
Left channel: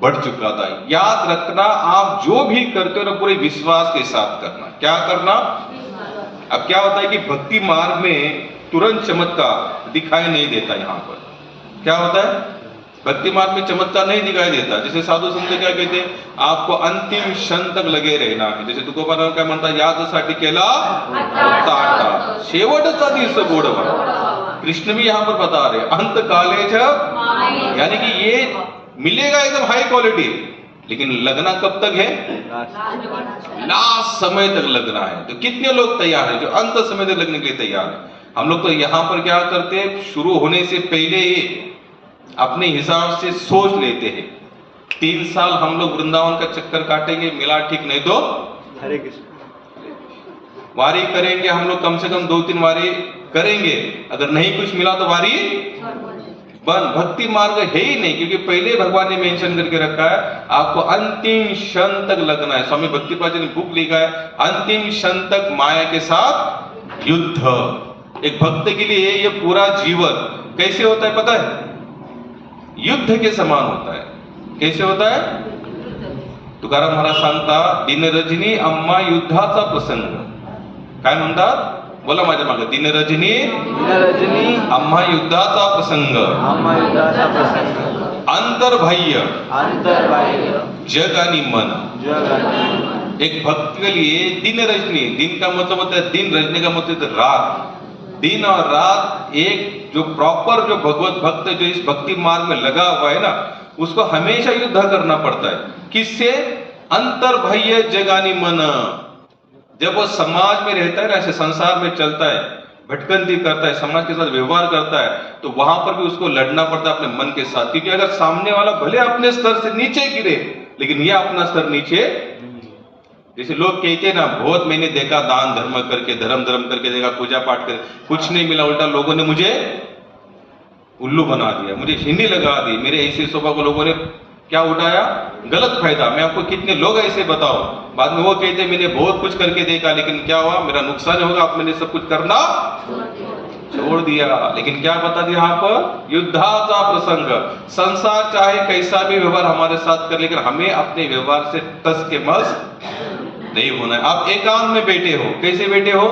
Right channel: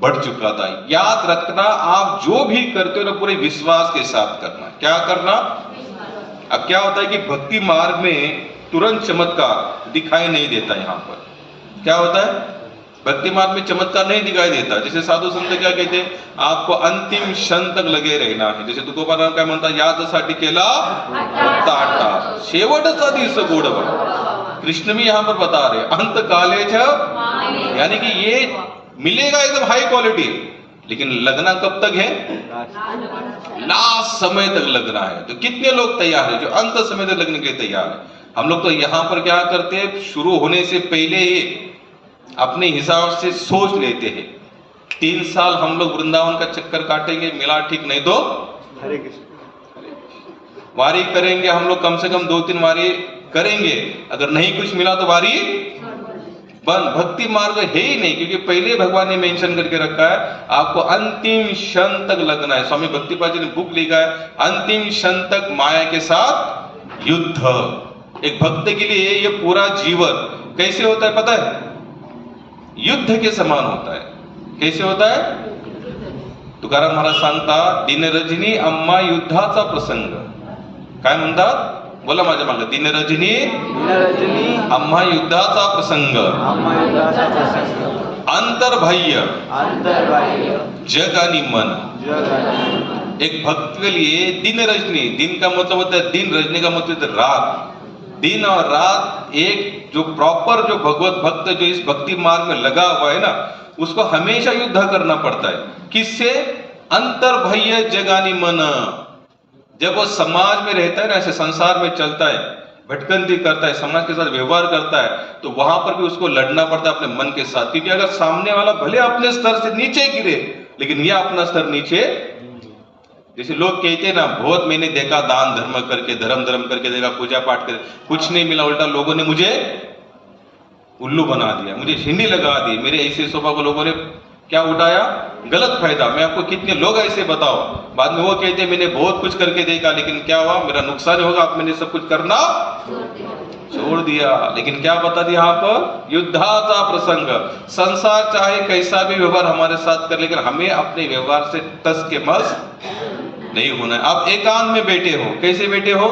बढ़ चुका था। याद रखना, आप जो भी करते हो ना पूरे विश्वास के साथ करना। क्या करना? अब क्या होता है कि भक्ति मार्ग में तुरंत चमत्कार दिखाई नहीं देता। यहाँ पर क्या होता है? भक्ति मार्ग में चमत्कार नहीं दिखाई देता। जैसे साधु संत क्या कहते हैं, आपको अंतिम क्षण तक लगे रहना है। जैसे तुकोबाराव काय म्हणतात, यादसाठी केला ताटा शेवटचा दिवस गोडवा। कृष्ण भी यहाँ पर बता रहे अंत कालेच, यानी कि ये मिलेगा एकदम हाई क्वालिटी, लेकिन लगना कब तक है? लास्ट समय तक लगना है। तो कितने लोग तैयार है जो अंत समय तक लगने के लिए तैयार है? हम लोग तो यहाँ पर क्या करते हैं, शुरू होने से पहले ही अपने हिसाब से सोच लेते हैं 3 साल हम लोग वृंदावन का चक्कर काटेंगे, मिला ठीक नहीं तो हरे कृष्ण। वारी करेंगे हम लोग, कम से कम 2-3 वारी करेंगे, अगर नहीं कुछ मिला तो वारी बंद। भक्ति मार्ग है ही नहीं, क्योंकि पहले भगवान ने मेंशन करके रखा है आपको अंतिम क्षण तक लगना है। स्वामी भक्तिपाद जी ने बुक लिखा है, अंतिम क्षण तक माया के साथ युद्ध। एक भक्त के लिए ये पूरा जीवन कैसे होता है पता है? युद्ध के समान होता है। कैसे होता है? तुकाराम महाराज सांगता, दिन रजनी अम्मा युद्धाचा प्रसंग। काय म्हणतात? बोला माझ्या मागे, दिन रजनी अम्मा युद्धाचा प्रसंग, अंतर्बाह्य जग आणि मन। एक भक्त के लिए दिन रजनी, दिन का मतलब होता है दिन, रजनी का मतलब होता है रात। दिन और रात एक जो प्रॉपर जो भगवत भक्त जो इस भक्ति मार्ग में लगा हुआ है ना, उसको हमेशा युद्ध करना पड़ता है। किससे? अंतर्बाह्य जगानी मन। जब वो समाज में रहता है ना, ऐसे संसार में चलता है, भटकंती करता है, समाज के साथ व्यवहार करता है, तो वहां पर भी उसको लड़ना पड़ता है अपने मन के साथ। क्योंकि अगर सामने वाला भले अपने स्तर से नीचे गिरे, लेकिन यह अपना स्तर नीचे, जैसे लोग कहते हैं ना, बहुत मैंने देखा दान धर्म करके, धर्म करके देखा, पूजा पाठ करके, कुछ नहीं मिला, उल्टा लोगों ने मुझे उल्लू बना दिया, मुझे झिंडी लगा दी। मेरे ऐसे स्वभाव को लोगों ने क्या उठाया? गलत फायदा। मैं आपको कितने लोग ऐसे बताओ, बाद में वो कहते मैंने बहुत कुछ करके देखा, लेकिन क्या हुआ? मेरा नुकसान होगा, आप मैंने सब कुछ करना छोड़ दिया। लेकिन क्या बता दिया यहाँ पर? युद्धाचा प्रसंग। संसार चाहे कैसा भी व्यवहार हमारे साथ कर, लेकिन हमें अपने व्यवहार से टस के मस नहीं होना है। आप एकांत में बैठे हो, कैसे बैठे हो?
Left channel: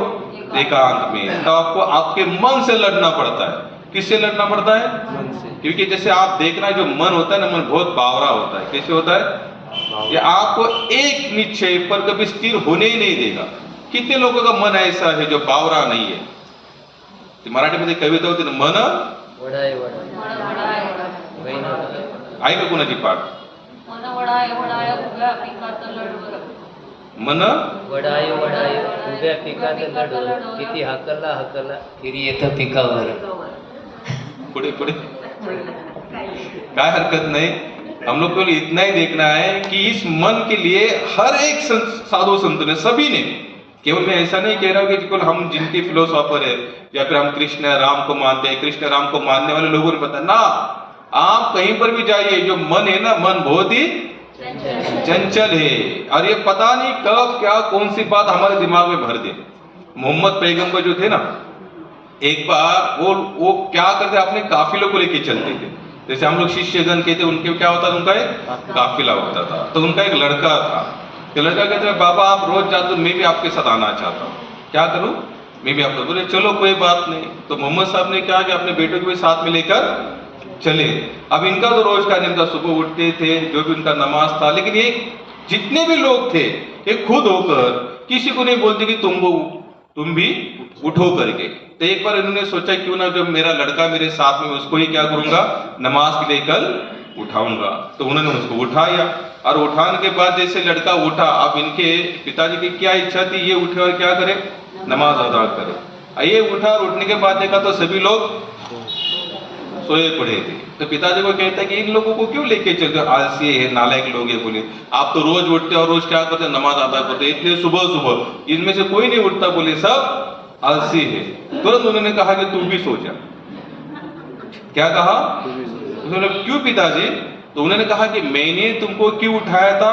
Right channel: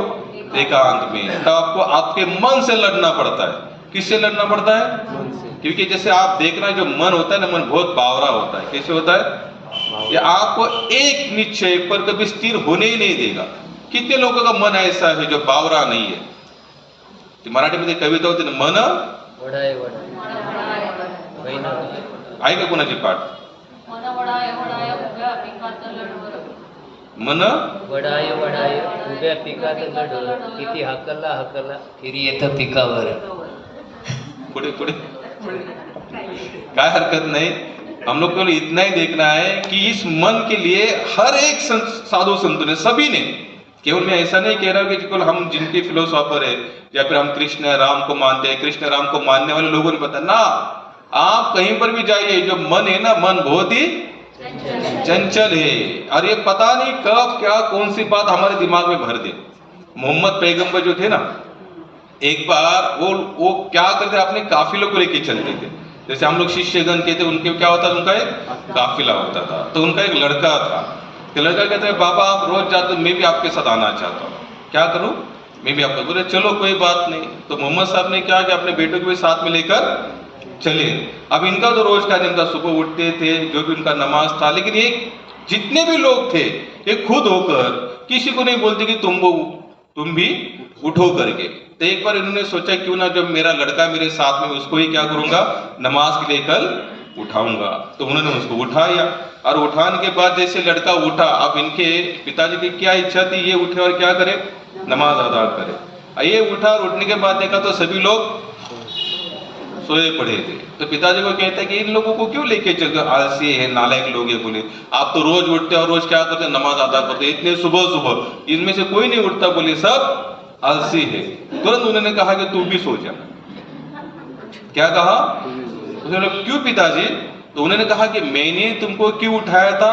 एकांत में। तो आपको आपके मन से लड़ना पड़ता है। किससे लड़ना पड़ता है? क्योंकि जैसे आप देखना, जो मन होता है ना, मन बहुत बावरा होता है। कैसे होता है? ये आपको एक निश्चय पर कभी स्थिर होने ही नहीं देगा। कितने लोगों का मन ऐसा है जो बावरा नहीं है? मराठी मध्ये कविता होती ना, मन वडाय आहे का कोणाची पाठ? मन वडाय उभ्या पिकात लढ, किती हाकला फिरी येतं पिकावर। पुढे पुढे काय हरकत नहीं। हम लोग को इतना ही देखना है कि इस मन के लिए हर एक साधु संतों ने, सभी ने, केवल मैं ऐसा नहीं कह रहा कि केवल हम जिनके फिलोसॉफर है या फिर हम कृष्ण राम को मानते हैं, कृष्ण राम को मानने वाले लोगों ने बता ना, आप कहीं पर भी जाइए, जो मन है ना, मन बहुत ही चंचल है, और ये पता नहीं कब क्या कौन सी बात हमारे दिमाग में भर दे। मोहम्मद पैगंबर जो थे ना, एक बार वो क्या करते, अपने काफिलों को लेके चलते थे। जैसे हम लोग शिष्यगण कहते, उनके क्या होता था? उनका एक काफिला होता था। तो उनका एक लड़का था, तो लड़का कहता है, बाबा आप रोज जाते हो, मैं भी आपके साथ आना चाहता हूँ, क्या करूँ? मैं भी आपको। बोले चलो कोई बात नहीं। तो मोहम्मद साहब ने क्या कि अपने बेटों को भी साथ में लेकर चले। अब इनका तो रोज का दिन था, सुबह उठते थे, जो भी उनका नमाज था, लेकिन ये जितने भी लोग थे, ये खुद होकर किसी को नहीं बोलते कि तुम भी उठो करके। तो एक बार इन्होंने सोचा, क्यों ना जो मेरा लड़का मेरे साथ में, उसको ही क्या करूंगा, नमाज के लिए कल उठाऊंगा। तो उन्होंने उसको उठाया, और उठाने के बाद जैसे लड़का उठा, अब इनके पिताजी की क्या इच्छा थी, ये उठे और क्या करे? नमाज अदा करे। ये उठा और उठने के बाद देखा तो सभी लोग सोए पड़े थे। तो पिताजी को कहता है कि इन लोगों को क्यों लेके चलते हो, आलसी है, नालायक लोग है। बोले आप तो रोज उठते और रोज क्या करते, नमाज अदा करते, इतने सुबह सुबह इनमें से कोई नहीं उठता। बोले सब आलसी है। तुरंत उन्होंने कहा कि तू भी सो जा। क्या कहा? उन्होंने क्यों पिताजी? तो उन्होंने कहा कि मैंने तुमको क्यों उठाया था,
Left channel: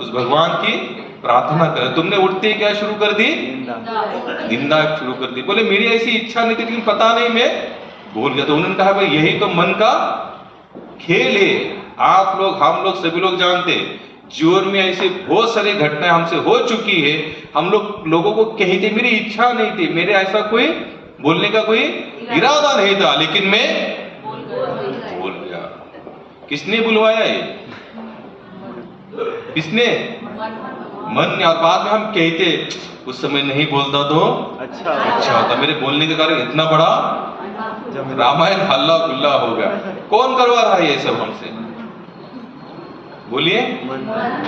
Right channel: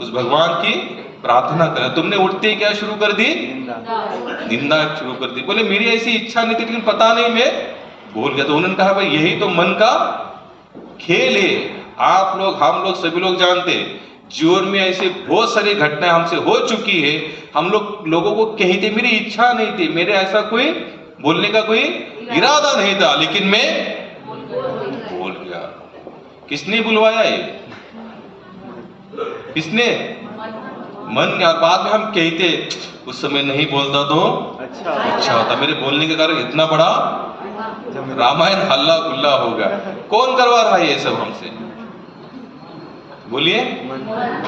उस भगवान की प्रार्थना कर, तुमने उठते ही क्या शुरू कर दी, निंदा शुरू कर दी। बोले मेरी ऐसी इच्छा नहीं थी, लेकिन पता नहीं मैं बोल गया। तो उन्होंने कहा भाई यही तो मन का खेल है। आप लोग, हम लोग, सभी लोग जानते हैं जीवन में ऐसी बहुत सारी घटनाएं हमसे हो चुकी है। हम लोगों को कहते मेरी इच्छा नहीं थी, मेरे ऐसा कोई बोलने का कोई इरादा नहीं था, लेकिन मैं बोल गया। किसने बुलवाया ये? किसने? मन। और बाद में हम कहते उस समय नहीं बोलता तो अच्छा होता, मेरे बोलने के कारण इतना बड़ा रामायण हल्ला गुल्ला हो गया। कौन करवा रहा है ये सब हमसे? बोलिए।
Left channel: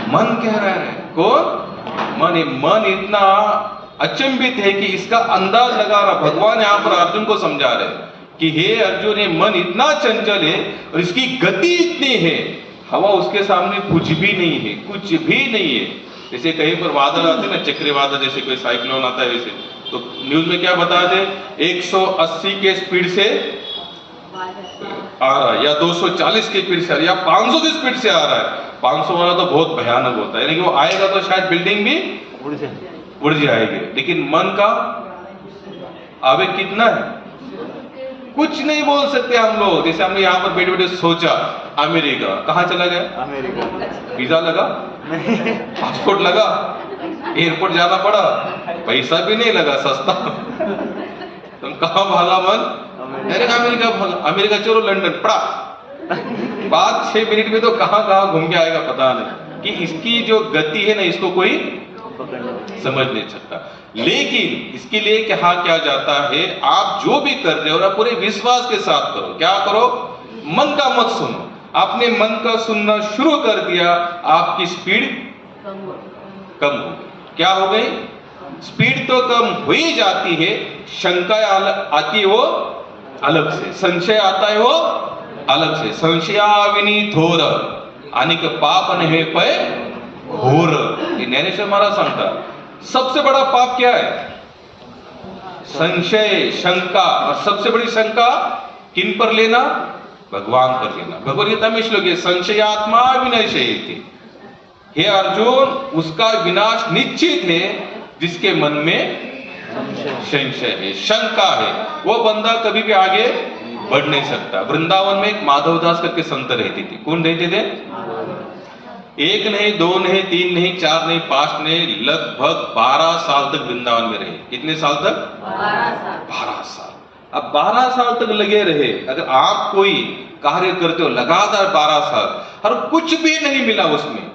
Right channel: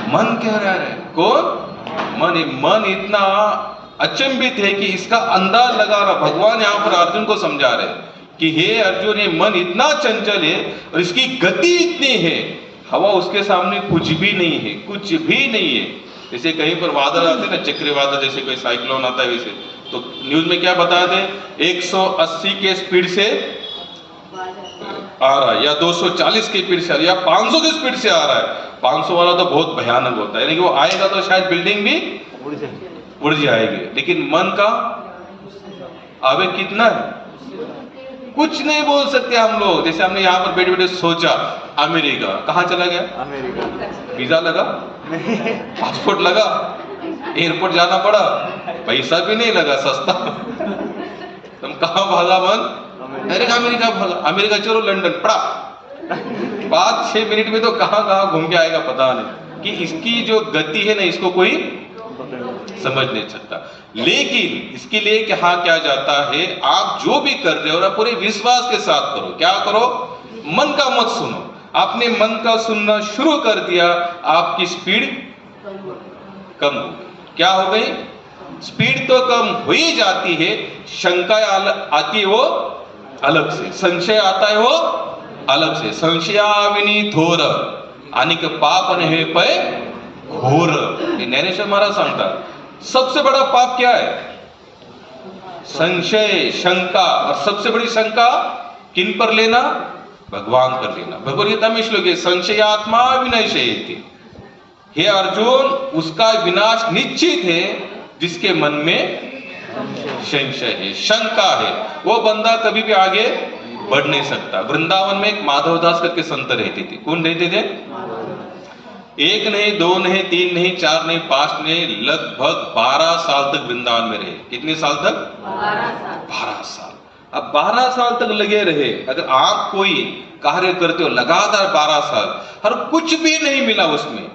मन कह रहा है। कौन? मन। मन इतना अचंभित है कि इसका अंदाज लगा रहा। भगवान यहाँ पर अर्जुन को समझा रहे कि हे अर्जुन, ये मन इतना चंचल है और इसकी गति इतनी है, हवा उसके सामने कुछ भी नहीं है, कुछ भी नहीं है। जैसे कहीं पर बादल आते ना, चक्रवादल, जैसे कोई साइक्लोन आता है वैसे, तो न्यूज में क्या बताते हैं, 180 के स्पीड से आ रहा है, या 240 की स्पीड से आ रहा है, या 500 की स्पीड से आ रहा है। 500 वाला तो बहुत भयानक होता है, यानी कि वो आएगा तो शायद बिल्डिंग भी उड़ जाएगी। लेकिन मन का आवेग कितना है, कुछ नहीं बोल सकते हम लोग। जैसे हमने यहाँ पर बैठे बैठे सोचा अमेरिका, कहाँ चला गया? अमेरिका। वीजा लगा, पासपोर्ट लगा, एयरपोर्ट जाना पड़ा, पैसा भी नहीं लगा, सस्ता। तुम कहाँ भागा मन? अमेरिका भागा। अमेरिका चलो लंदन पड़ा, 5-6 मिनट में तो कहाँ कहाँ घूम के आएगा पता नहीं। कि इसकी जो गति है ना, इसको कोई समझ नहीं सकता। लेकिन इसके लिए क्या क्या जाता है, आप जो भी कर रहे हो ना पूरे विश्वास के साथ करो। क्या करो? मन का मत सुनो। आपने मन का सुनना शुरू कर दिया, आपकी स्पीड कम हो गई। क्या हो गई? स्पीड तो कम हो ही जाती है, शंका आती है वो अलग से, संशय आता है वो अलग से। संशयाविनी थोर अनिक पाप नहीं पे घोर, ज्ञानेश्वर महाराज सांगतात। सबसे बड़ा पाप क्या है? संशय, शंका। और सबसे बड़ी शंका किन पर लेना? भगवान पर लेना। भगवद गीता में श्लोक है, संशयात्मा विनश्यति। हे अर्जुन, उसका विनाश निश्चित है जिसके मन में संशय है, शंका है। वो बंदा कभी भी आगे बढ़ नहीं सकता। वृंदावन में एक माधवदास करके संत रहते थे। कौन रहते थे? 1 नहीं, 2 नहीं, 3 नहीं, 4 नहीं, 5 नहीं, लगभग 12 साल तक वृंदावन में रहे। कितने साल तक? 12 साल। अब 12 साल तक लगे रहे। अगर आप कोई कार्य करते हो लगातार 12 साल और कुछ भी नहीं मिला उसमें,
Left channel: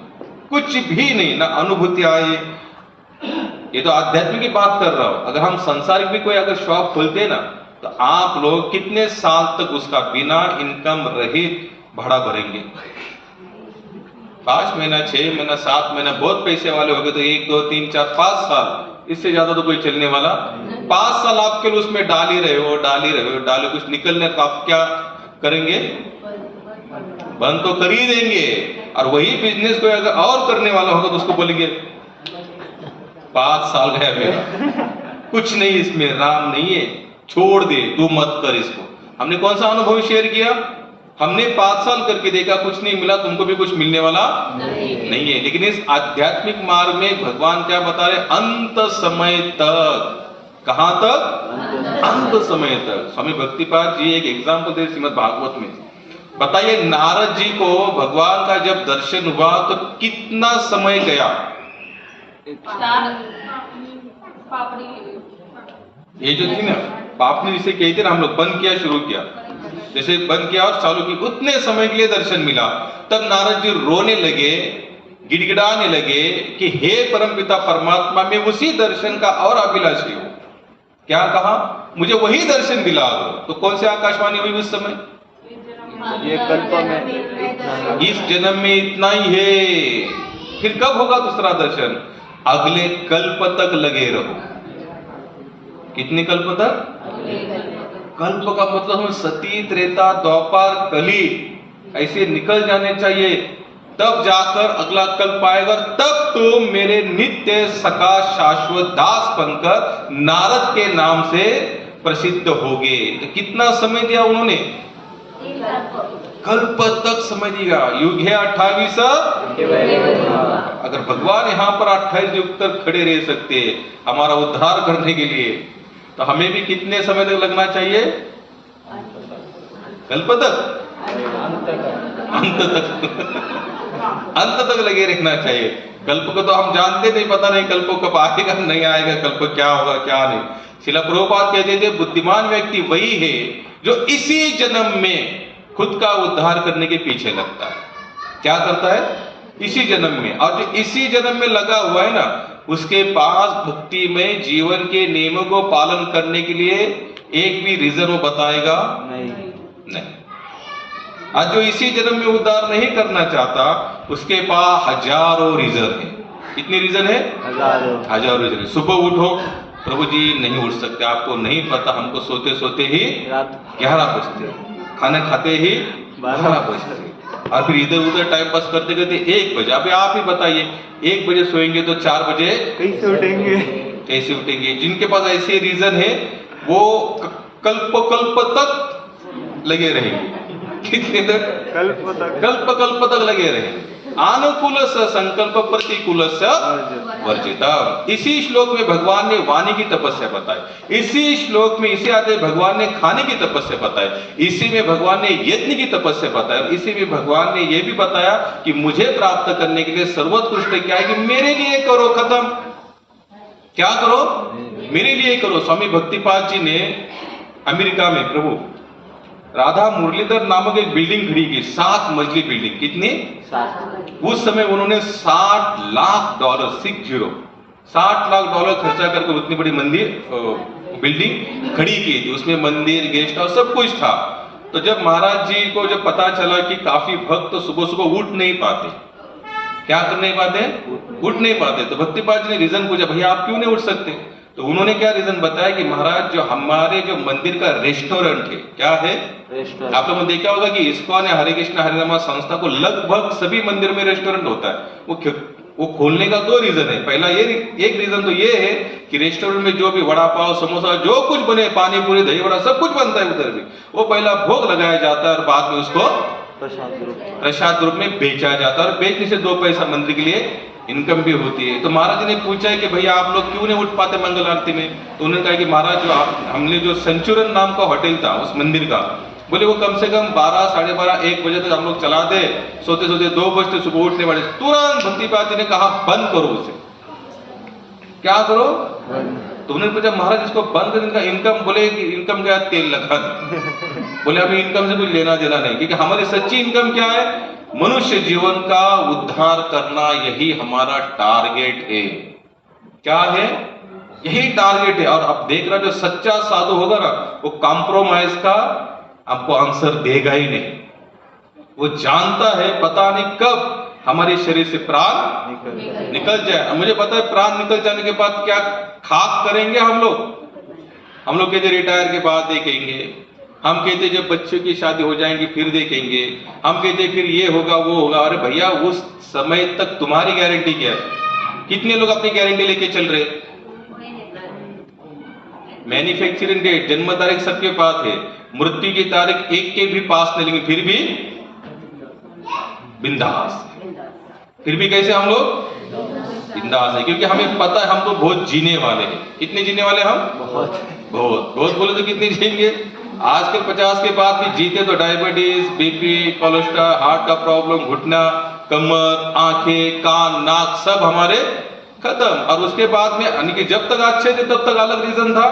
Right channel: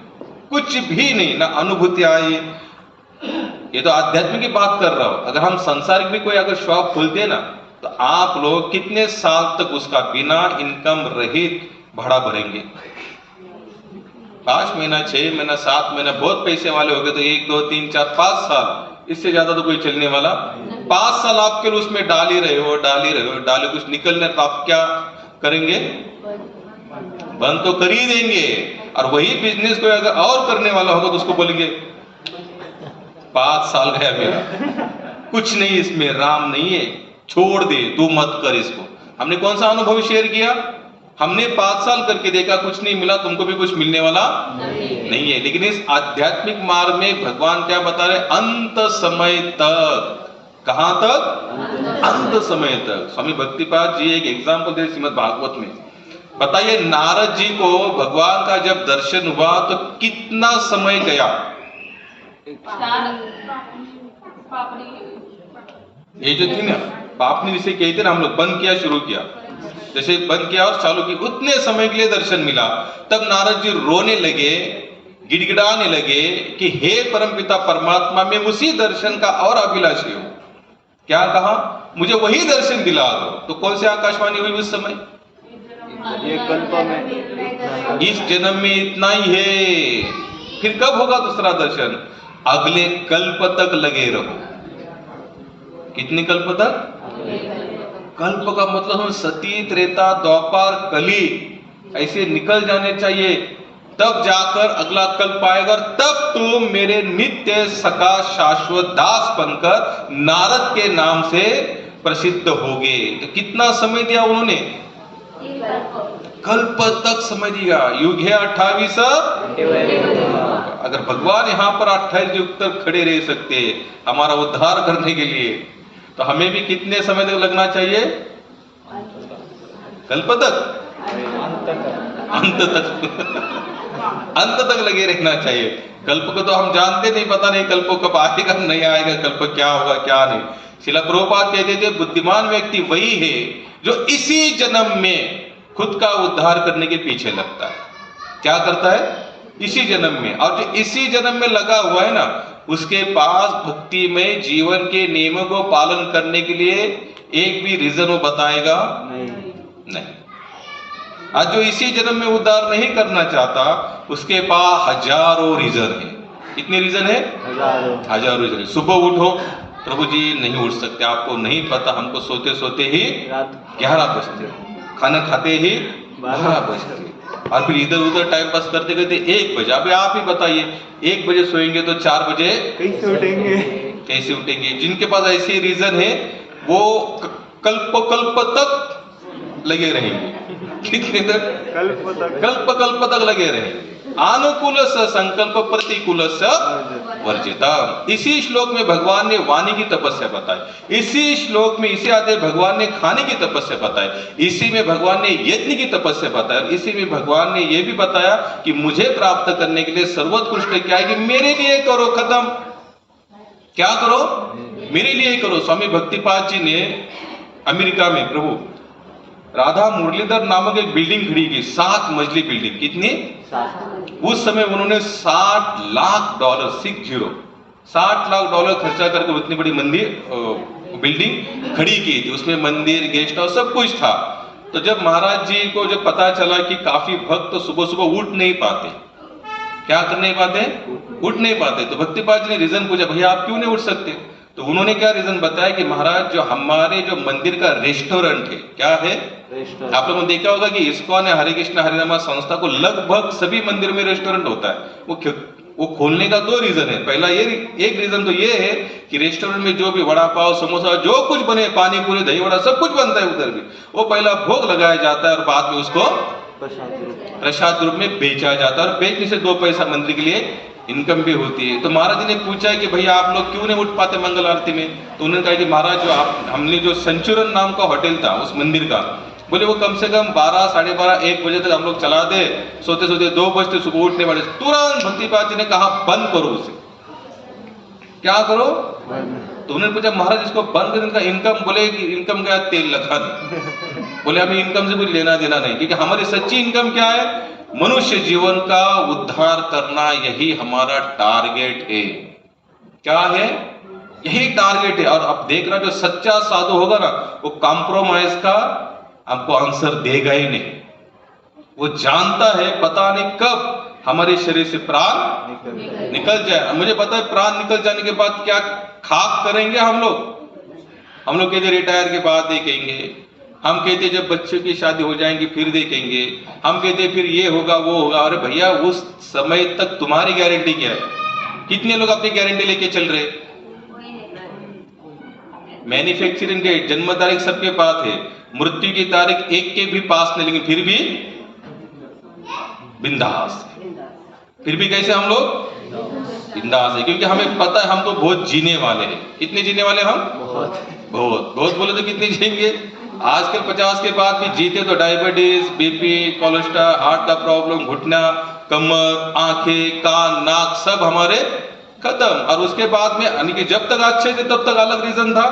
कुछ भी नहीं, ना अनुभूति आई। ये तो आध्यात्मिक की बात कर रहा हूं। अगर हम संसारिक भी कोई अगर शॉप खोलते हैं ना, तो आप लोग कितने साल तक उसका बिना इनकम रहित भाड़ा भरेंगे? 5 महीना, 6 महीना, 7 महीना। बहुत पैसे वाले हो गए तो 1, 2, 3, 4, 5 साल, इससे ज्यादा तो कोई चलने वाला। 5 साल आप केवल उसमें डाल ही रहे हो, कुछ निकलने का आप क्या करेंगे? बंद तो कर ही देंगे। और वही बिजनेस कोई अगर और करने वाला होगा तो उसको बोलेंगे 5 साल गया मेरा, कुछ नहीं इसमें, राम नहीं है, छोड़ दे, तू मत कर इसको। हमने कौन सा अनुभव शेयर किया? हमने 5 साल करके देखा, कुछ नहीं मिला, तुमको भी कुछ मिलने वाला नहीं है। लेकिन इस आध्यात्मिक मार्ग में भगवान क्या बता रहे? अंत समय तक। कहां तक? अंत समय तक। स्वामी भक्तिपाद जी एक एग्जाम्पल दे श्रीमद् भागवत में। बताइए, नारद जी को भगवान का जब दर्शन हुआ तो कितना समय गया? ये जो थी ना पापनी, जिसे कहते ना हम लोग, बंद किया शुरू किया, जैसे बंद किया और चालू की, उतने समय के लिए दर्शन मिला। तब नारद जी रोने लगे, गिड़गिड़ाने लगे कि हे परमपिता परमात्मा, मैं उसी दर्शन का और अभिलाषी हूं। क्या कहा? मुझे वही दर्शन दिला दो। तो कौन सी आकाशवाणी हुई उस समय? ये कल्प में, इस जन्म में इतना ही है। फिर कब होगा दूसरा दर्शन? अगले कल्प तक लगे रहो। कितनी कल्प तक? कल्प का मतलब हम सती, त्रेता, द्वापर, कली ऐसे निकल जाने चाहिए, तब जाकर अगला कल्प आएगा, तब तुम मेरे नित्य सका शाश्वत दास बनकर नारद के नाम से प्रसिद्ध होगे। तो कितना समय दिया उन्होंने? कल्प तक समय दिया। युग है 28। अगर भगवान यहाँ पर 28 युग तक खड़े रह सकते हमारा उद्धार करने के लिए, तो हमें भी कितने समय तक लगना चाहिए? कल्प तक, अंत तक अंत तक लगे रहना चाहिए। कल्प को तो हम जानते नहीं, पता नहीं कल्प कब आएगा नहीं आएगा, कल्प क्या होगा क्या नहीं। श्रील प्रभुपाद कहते थे बुद्धिमान व्यक्ति वही है जो इसी जन्म में खुद का उद्धार करने के पीछे लगता है। क्या करता है? इसी जन्म में। और जो इसी जन्म में लगा हुआ है ना, उसके पास भक्ति में जीवन के नियमों को पालन करने के लिए एक भी रीजन वो बताएगा नहीं। आज जो इसी जन्म में उद्धार नहीं करना चाहता, उसके पास हजारों रीजन है। कितने रीजन है? हजारों रीजन। सुबह उठो, प्रभु जी नहीं उठ सकते, आपको नहीं पता, हमको सोते सोते ही 11 बजते, खाना खाते ही 12 बजते, और फिर इधर उधर टाइम पास करते करते 1 बजे। अभी आप ही बताइए, 1 बजे सोएंगे तो 4 बजे कैसे उठेंगे? कैसे उठेंगे? जिनके पास ऐसे रीजन है वो कल्प तक लगे रहेंगे। कितने तक? कल्प तक लगे रहेंगे। अनुकूल संकल्प प्रतिकूल वर्जिता। इसी श्लोक में भगवान ने वाणी की तपस्या बताई, इसी श्लोक में इसे आते भगवान ने खाने की तपस्या बताई, इसी में भगवान ने यज्ञ की तपस्या बताई, और इसी में भगवान ने यह भी बताया कि मुझे प्राप्त करने के लिए सर्वोत्कृष्ट क्या है कि मेरे लिए करो। खत्म। क्या करो? मेरे लिए करो। स्वामी भक्तिपाद जी ने अमेरिका में प्रभु राधा मुरलीधर नामक एक बिल्डिंग खड़ी की, 7 मंजिली बिल्डिंग। कितनी? 7। उस समय उन्होंने $60 लाख 60 लाख डॉलर खर्चा करके उतनी बड़ी मंदिर बिल्डिंग खड़ी की थी। उसमें मंदिर, गेस्ट हाउस सब कुछ था। तो जब महाराज जी को जब पता चला कि काफी भक्त सुबह सुबह उठ नहीं पाते, क्या कर नहीं पाते? उठ नहीं पाते, तो भक्तिपाद जी ने रीजन पूछा, भैया आप क्यों नहीं उठ सकते? तो उन्होंने क्या रीजन बताया कि महाराज जो हमारे जो मंदिर का रेस्टोरेंट है, क्या है? आप लोगों ने देखा होगा कि इस्कॉन या हरे कृष्ण हरिनाम संस्था को लगभग सभी मंदिर में रेस्टोरेंट होता है। वो खोलने का 2 रीजन है। पहला ये, एक रीजन तो ये है कि रेस्टोरेंट में जो भी वड़ा पाव, समोसा, जो कुछ बने, पानी पूरी, दही वड़ा, सब कुछ बनता है उधर भी, वो पहला भोग लगाया जाता है और बाद में उसको प्रसाद रूप में बेचा जाता है, और बेचने से 2 पैसा मंदिर के लिए इनकम भी होती है। तो महाराज जी ने पूछा है कि भैया आप लोग क्यों नहीं उठ पाते मंगल आरती में? तो उन्होंने कहा कि महाराज जो हमने जो संचुरन नाम का होटल था उस मंदिर का, बोले वो कम से कम 12, साढ़े 12, 1 बजे तक हम लोग चला दे, सोते सोते 2 बजते सुबह उठने वाले। तुरंत भक्तिपाद जी ने कहा बंद करो उसे। क्या करो? तो उन्होंने पूछा महाराज इसको बंद करने का इनकम? बोले कि इनकम क्या? तेल लगाना। बोले हमें इनकम से कुछ लेना देना नहीं, क्योंकि हमारी सच्ची इनकम क्या है? मनुष्य जीवन का उद्धार करना, यही हमारा टारगेट है। क्या है? यही टारगेट है। और अब देख रहा जो सच्चा साधु होगा ना, वो कॉम्प्रोमाइज का आपको आंसर देगा ही नहीं। वो जानता है पता नहीं कब हमारे शरीर से प्राण निकल जाए। मुझे पता है प्राण निकल जाने के बाद क्या खाक करेंगे हम लोग कहते रिटायर के बाद देखेंगे, हम कहते जब बच्चों की शादी हो जाएंगी फिर देखेंगे, हम कहते फिर ये होगा वो होगा। अरे भैया उस समय तक तुम्हारी गारंटी क्या है? कितने लोग अपनी गारंटी लेके चल रहे? मैन्युफैक्चरिंग डेट, जन्म तारीख सबके पास है, मृत्यु की तारीख एक के भी पास नहीं, लेकिन फिर भी बिंदास। फिर भी कैसे हम लोग बिंदास है? क्योंकि हमें पता है हम तो बहुत जीने वाले हैं। कितने जीने वाले हम? बहुत बोले तो कितने जिएंगे? आजकल 50 के बाद भी जीते तो डायबिटीज, बीपी, कोलेस्ट्रॉल, हार्ट का प्रॉब्लम, घुटना, कमर, आंखें, कान, नाक सब हमारे खत्म। और उसके बाद में यानी कि जब तक अच्छे थे तब तक अलग रीजन था,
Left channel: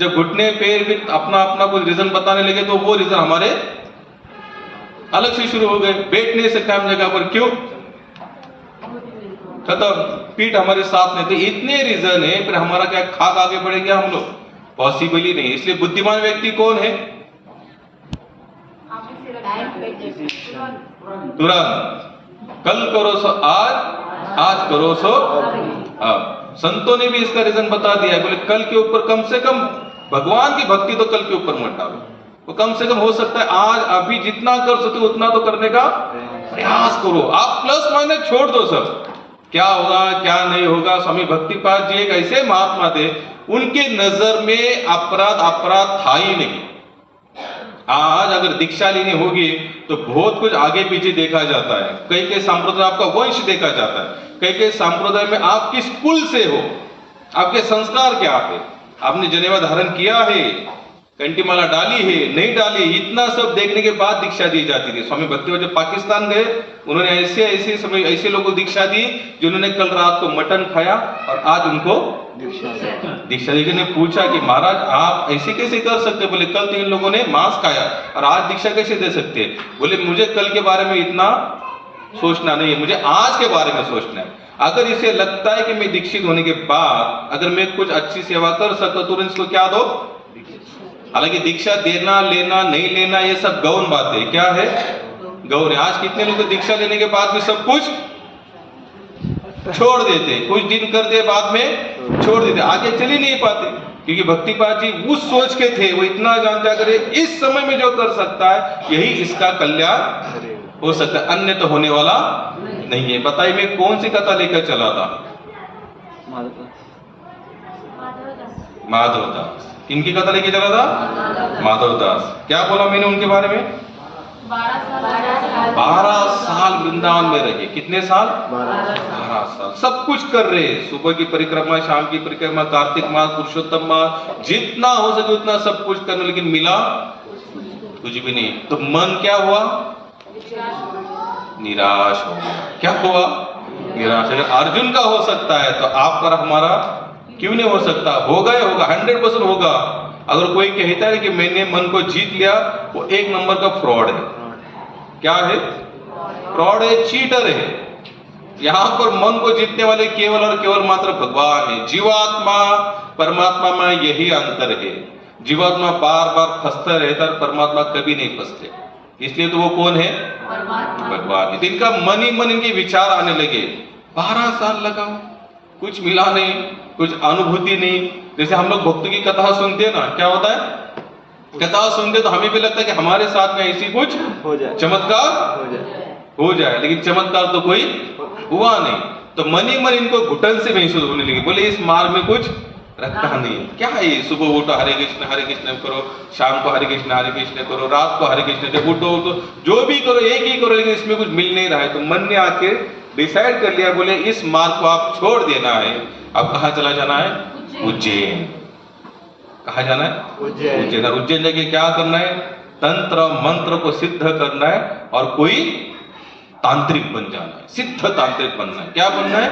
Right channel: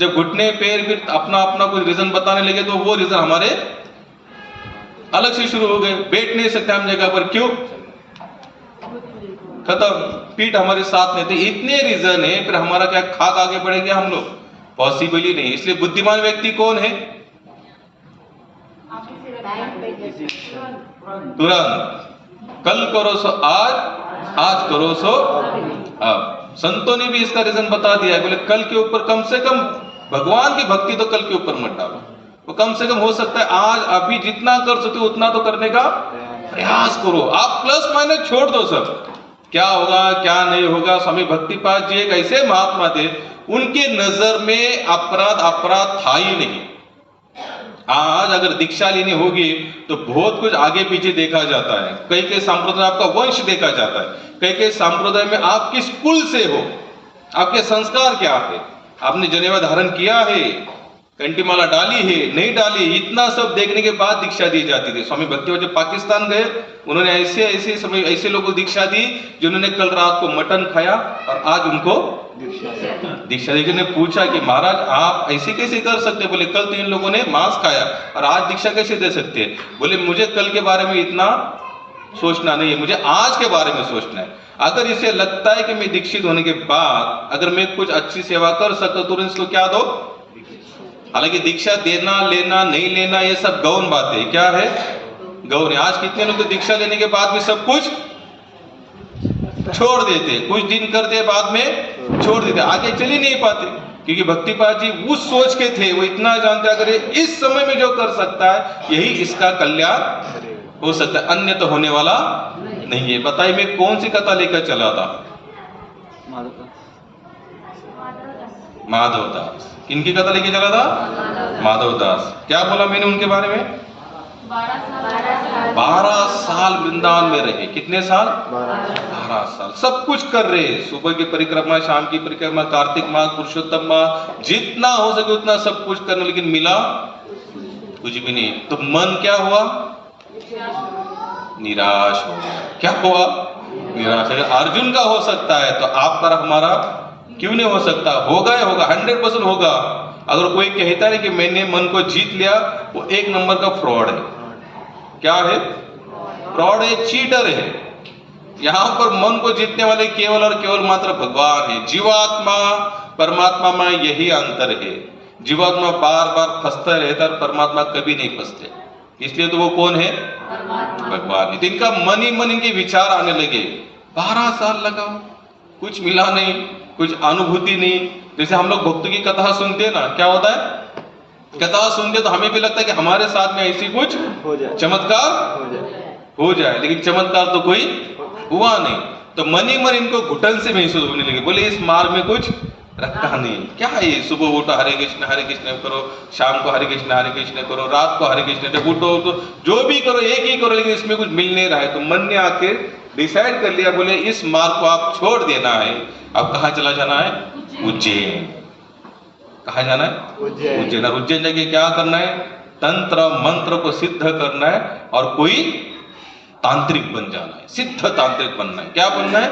जब घुटने पैर फिर अपना अपना कुछ रीजन बताने लगे तो वो रीजन हमारे अलग से शुरू हो गए। बैठ नहीं सकते हम जगह पर, क्यों? खत्म। पीठ हमारे साथ नहीं थे। इतने रीजन है, फिर हमारा क्या खाक आगे बढ़ेगा हम लोग? पॉसिबल ही नहीं। इसलिए बुद्धिमान व्यक्ति कौन है? तुरंत कल करो सो आज, आज करो सो अब। संतों ने भी इसका रीजन बता दिया है, बोले कल के ऊपर कम से कम भगवान की भक्ति तो कल के ऊपर मत डालो। तो कम से कम हो सकता है आज अभी जितना कर सके उतना तो करने का प्रयास करो। आप प्लस माइनस छोड़ दो सब, क्या होगा क्या नहीं होगा। स्वामी भक्तिपाद जी एक ऐसे महात्मा थे, उनके नजर में अपराध अपराध था ही नहीं। आज अगर दीक्षा लेनी होगी तो बहुत कुछ आगे पीछे देखा जाता है। कई कई संप्रदाय आपका वंश देखा जाता है, कई कई संप्रदाय में आप किस कुल से हो, आपके संस्कार क्या है, आपने जनेवा धारण किया है, कंठीमाला डाली है नहीं डाली, इतना सब देखने के बाद दीक्षा दी जाती थी। स्वामी भक्तिपाद जब पाकिस्तान गए, उन्होंने ऐसे ऐसे समय ऐसे लोगों को दीक्षा दी जिन्होंने कल रात को मटन खाया और आज उनको दीक्षा दी। ने पूछा कि महाराज आप ऐसे कैसे कर सकते? बोले कल तो इन लोगों ने मांस खाया और आज दीक्षा कैसे दे सकते? बोले मुझे कल के बारे में इतना सोचना नहीं है, मुझे आज के बारे में सोचना है। अगर इसे लगता है कि मैं दीक्षित होने के बाद अगर मैं कुछ अच्छी सेवा कर सकता तो इसको क्या दो। हालांकि दीक्षा देना लेना नहीं लेना ये सब गौण बातें, क्या है गौण है। आज कितने लोग दीक्षा लेने के बाद भी सब कुछ छोड़ देते, कुछ दिन करते बाद में छोड़ देते, आगे चल ही नहीं पाते। क्योंकि भक्तिपाद जी उस सोच के थे, वो इतना जानते अगर इस समय में जो कर सकता है यही इसका कल्याण हो सकता है, अन्य तो होने वाला नहीं है। बताइए मैं कौन सी कथा लेकर चला था? माधवदास। किनकी कथा लेके चला था? माधवदास। क्या बोला मैंने उनके बारे में? 12 साल वृंदावन में रहे। कितने साल? 12 साल। सब कुछ कर रहे, सुबह की परिक्रमा, शाम की परिक्रमा, कार्तिक मास, पुरुषोत्तम मास, जितना हो सके उतना सब कुछ करना, लेकिन मिला कुछ भी नहीं। तो मन क्या हुआ? निराश हो गया। क्या हुआ? निराश। अगर अर्जुन का हो सकता है तो आपका हमारा क्यों नहीं हो सकता? होगा, 100% होगा। अगर कोई कहता है कि मैंने मन को जीत लिया, वो एक नंबर का फ्रॉड है। क्या है? फ्रॉड है, चीटर है। यहां पर मन को जीतने वाले केवल और केवल मात्र भगवान है। जीवात्मा परमात्मा में यही अंतर है। जीवात्मा बार बार फंसता रहता है, परमात्मा कभी नहीं फंसते, इसलिए तो वो कौन है? भगवान है। इनका मन ही मन इनके विचार आने लगे। 12 साल लगा, कुछ मिला नहीं, कुछ अनुभूति नहीं। जैसे हम लोग भक्तों की कथा सुनते हैं ना, क्या होता है? कथा सुनते तो हमें भी लगता है कि हमारे साथ में ऐसी कुछ चमत्कार हो जाए, लेकिन चमत्कार तो कोई हुआ नहीं। तो मन ही मन इनको घुटन से महसूस होने लगे। बोले इस मार्ग में कुछ रखा नहीं। क्या है ये? सुबह उठो हरे कृष्ण करो, शाम को हरे कृष्ण करो, रात को हरे कृष्ण, उठो तो जो भी करो एक ही करो, लेकिन इसमें कुछ मिल नहीं रहा है। तो मन ने आके डिसाइड कर लिया, बोले इस मार्ग को आप छोड़ देना है। अब कहाँ चला जाना है? उज्जैन। कहाँ जाना है? उज्जैन। और उज्जैन जाके क्या करना है? तंत्र मंत्र को सिद्ध करना है और कोई तांत्रिक बन जाना है, सिद्ध तांत्रिक बनना है। क्या बनना है?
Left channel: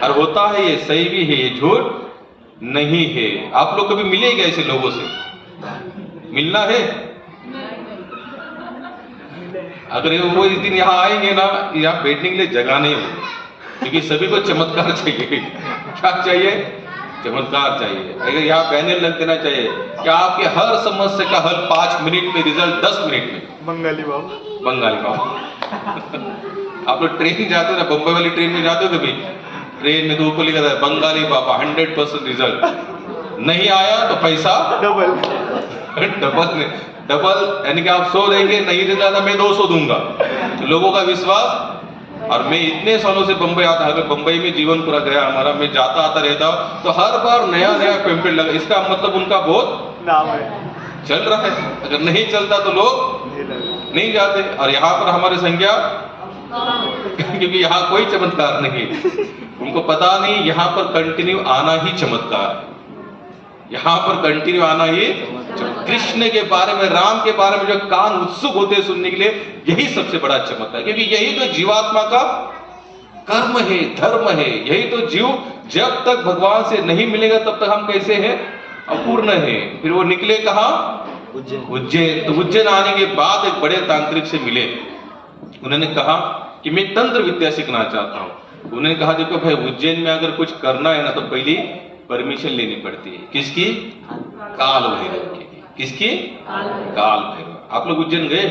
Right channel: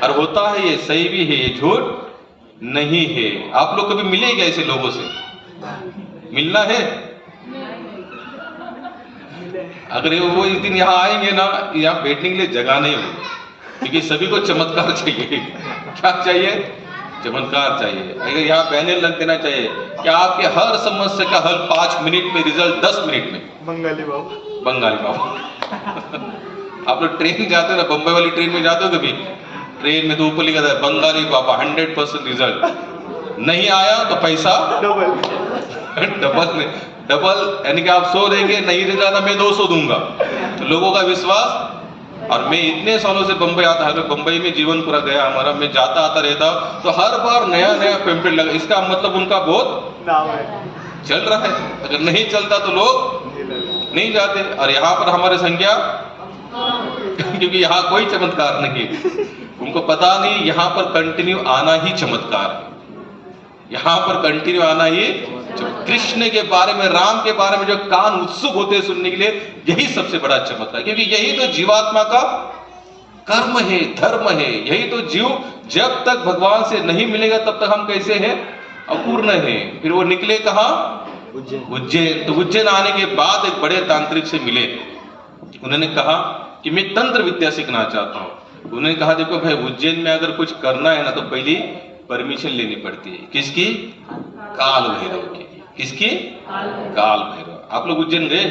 और होता है ये सही भी है, ये झूठ नहीं है। आप लोग कभी मिले क्या ऐसे लोगों से? मिलना है? अगर वो इस दिन यहाँ आएंगे ना, यहाँ बैठने के लिए जगह नहीं होगी, क्योंकि सभी को चमत्कार चाहिए। क्या चाहिए? चमत्कार चाहिए। अगर यहाँ बैनर लग देना चाहिए कि आपके हर समस्या का हल 5 मिनट में, रिजल्ट 10 मिनट में। बंगाली बाबू आप लोग ट्रेन जाते हो ना, बंबई वाली ट्रेन में जाते हो कभी? ट्रेन में तो ऊपर लिखा था बंगाली बाबा 100% रिजल्ट। नहीं आया तो पैसा डबल, यानी कि आप 100 देंगे, नहीं रिजल्ट मैं 200 दूंगा। तो लोगों का विश्वास। और मैं इतने सालों से बंबई आता, अगर बंबई में जीवन पूरा गया हमारा, मैं जाता आता रहता हूँ, तो हर बार नया नया पेम्पलेट लगा। इसका मतलब उनका बहुत नाम है, चल रहा है। अगर नहीं चलता तो लोग नहीं जाते। और यहाँ पर हमारी संख्या क्योंकि यहाँ कोई चमत्कार नहीं, उनको पता नहीं यहाँ पर कंटिन्यू आना ही चमत्कार, यहाँ पर कंटिन्यू आना ही। कृष्ण के बारे में, राम के बारे में जो कान उत्सुक होते हैं सुनने के लिए, यही सबसे बड़ा चमत्कार, क्योंकि यही तो जीवात्मा का कर्म है, धर्म है। यही तो जीव जब तक भगवान से नहीं मिलेगा तब तक हम कैसे हैं? अपूर्ण है। फिर वो निकले कहाँ? उज्जैन। तो उज्जैन आने के बाद एक बड़े तांत्रिक से मिले। उन्होंने कहा कि मैं तंत्र विद्या सीखना चाहता हूँ। उन्होंने कहा देखो भाई, उज्जैन में अगर कुछ करना है ना तो पहले परमिशन लेनी पड़ती है। किसकी? काल भैरव की। किसकी? काल भैरव। आप लोग उज्जैन गए?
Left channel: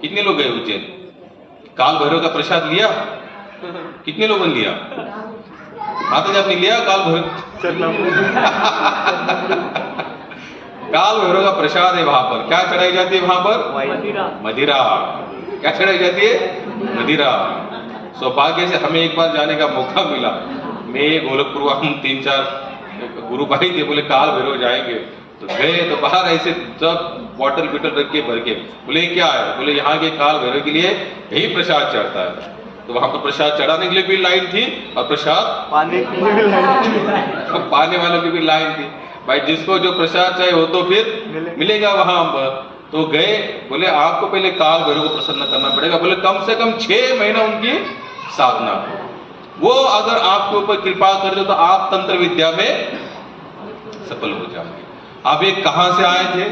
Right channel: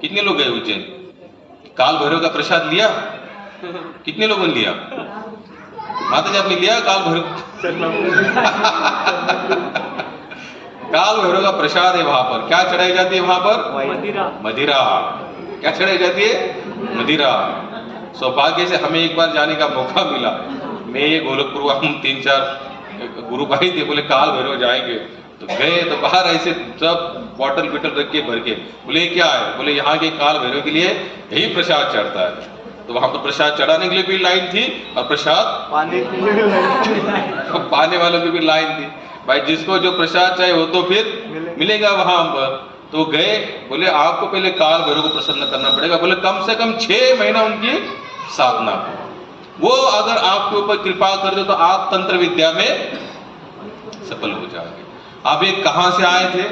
कितने लोग गए उज्जैन? काल भैरव का प्रसाद लिया? कितने लोगों ने लिया? माता जी आपने लिया काल भैरव? काल भैरव का प्रसाद है वहां पर। क्या चढ़ाई जाती है वहां पर? मदिरा। क्या चढ़ाई जाती है? मदिरा। सौभाग्य से हमें एक बार जाने का मौका मिला। मैं गोलकपुर, हम 3-4 गुरु भाई थे, बोले काल भैरव जाएंगे, तो गए तो बाहर ऐसे सब बॉटल बिटल रख के भर के, बोले क्या है? बोले यहाँ के काल भैरव के लिए यही प्रसाद चढ़ता है। तो वहां पर प्रसाद चढ़ाने के लिए भी लाइन थी और प्रसाद पाने वालों की भी लाइन थी। भाई जिसको जो प्रसाद चाहिए वो तो फिर मिलेगा वहां पर। तो गए, बोले आपको पहले काल भैरव को प्रसन्न करना पड़ेगा। बोले कम से कम 6 महीना उनकी साधना, वो अगर आपके ऊपर कृपा कर दे तो आप तंत्र विद्या में सफल हो जाएंगे। आप ये कहां से आए थे?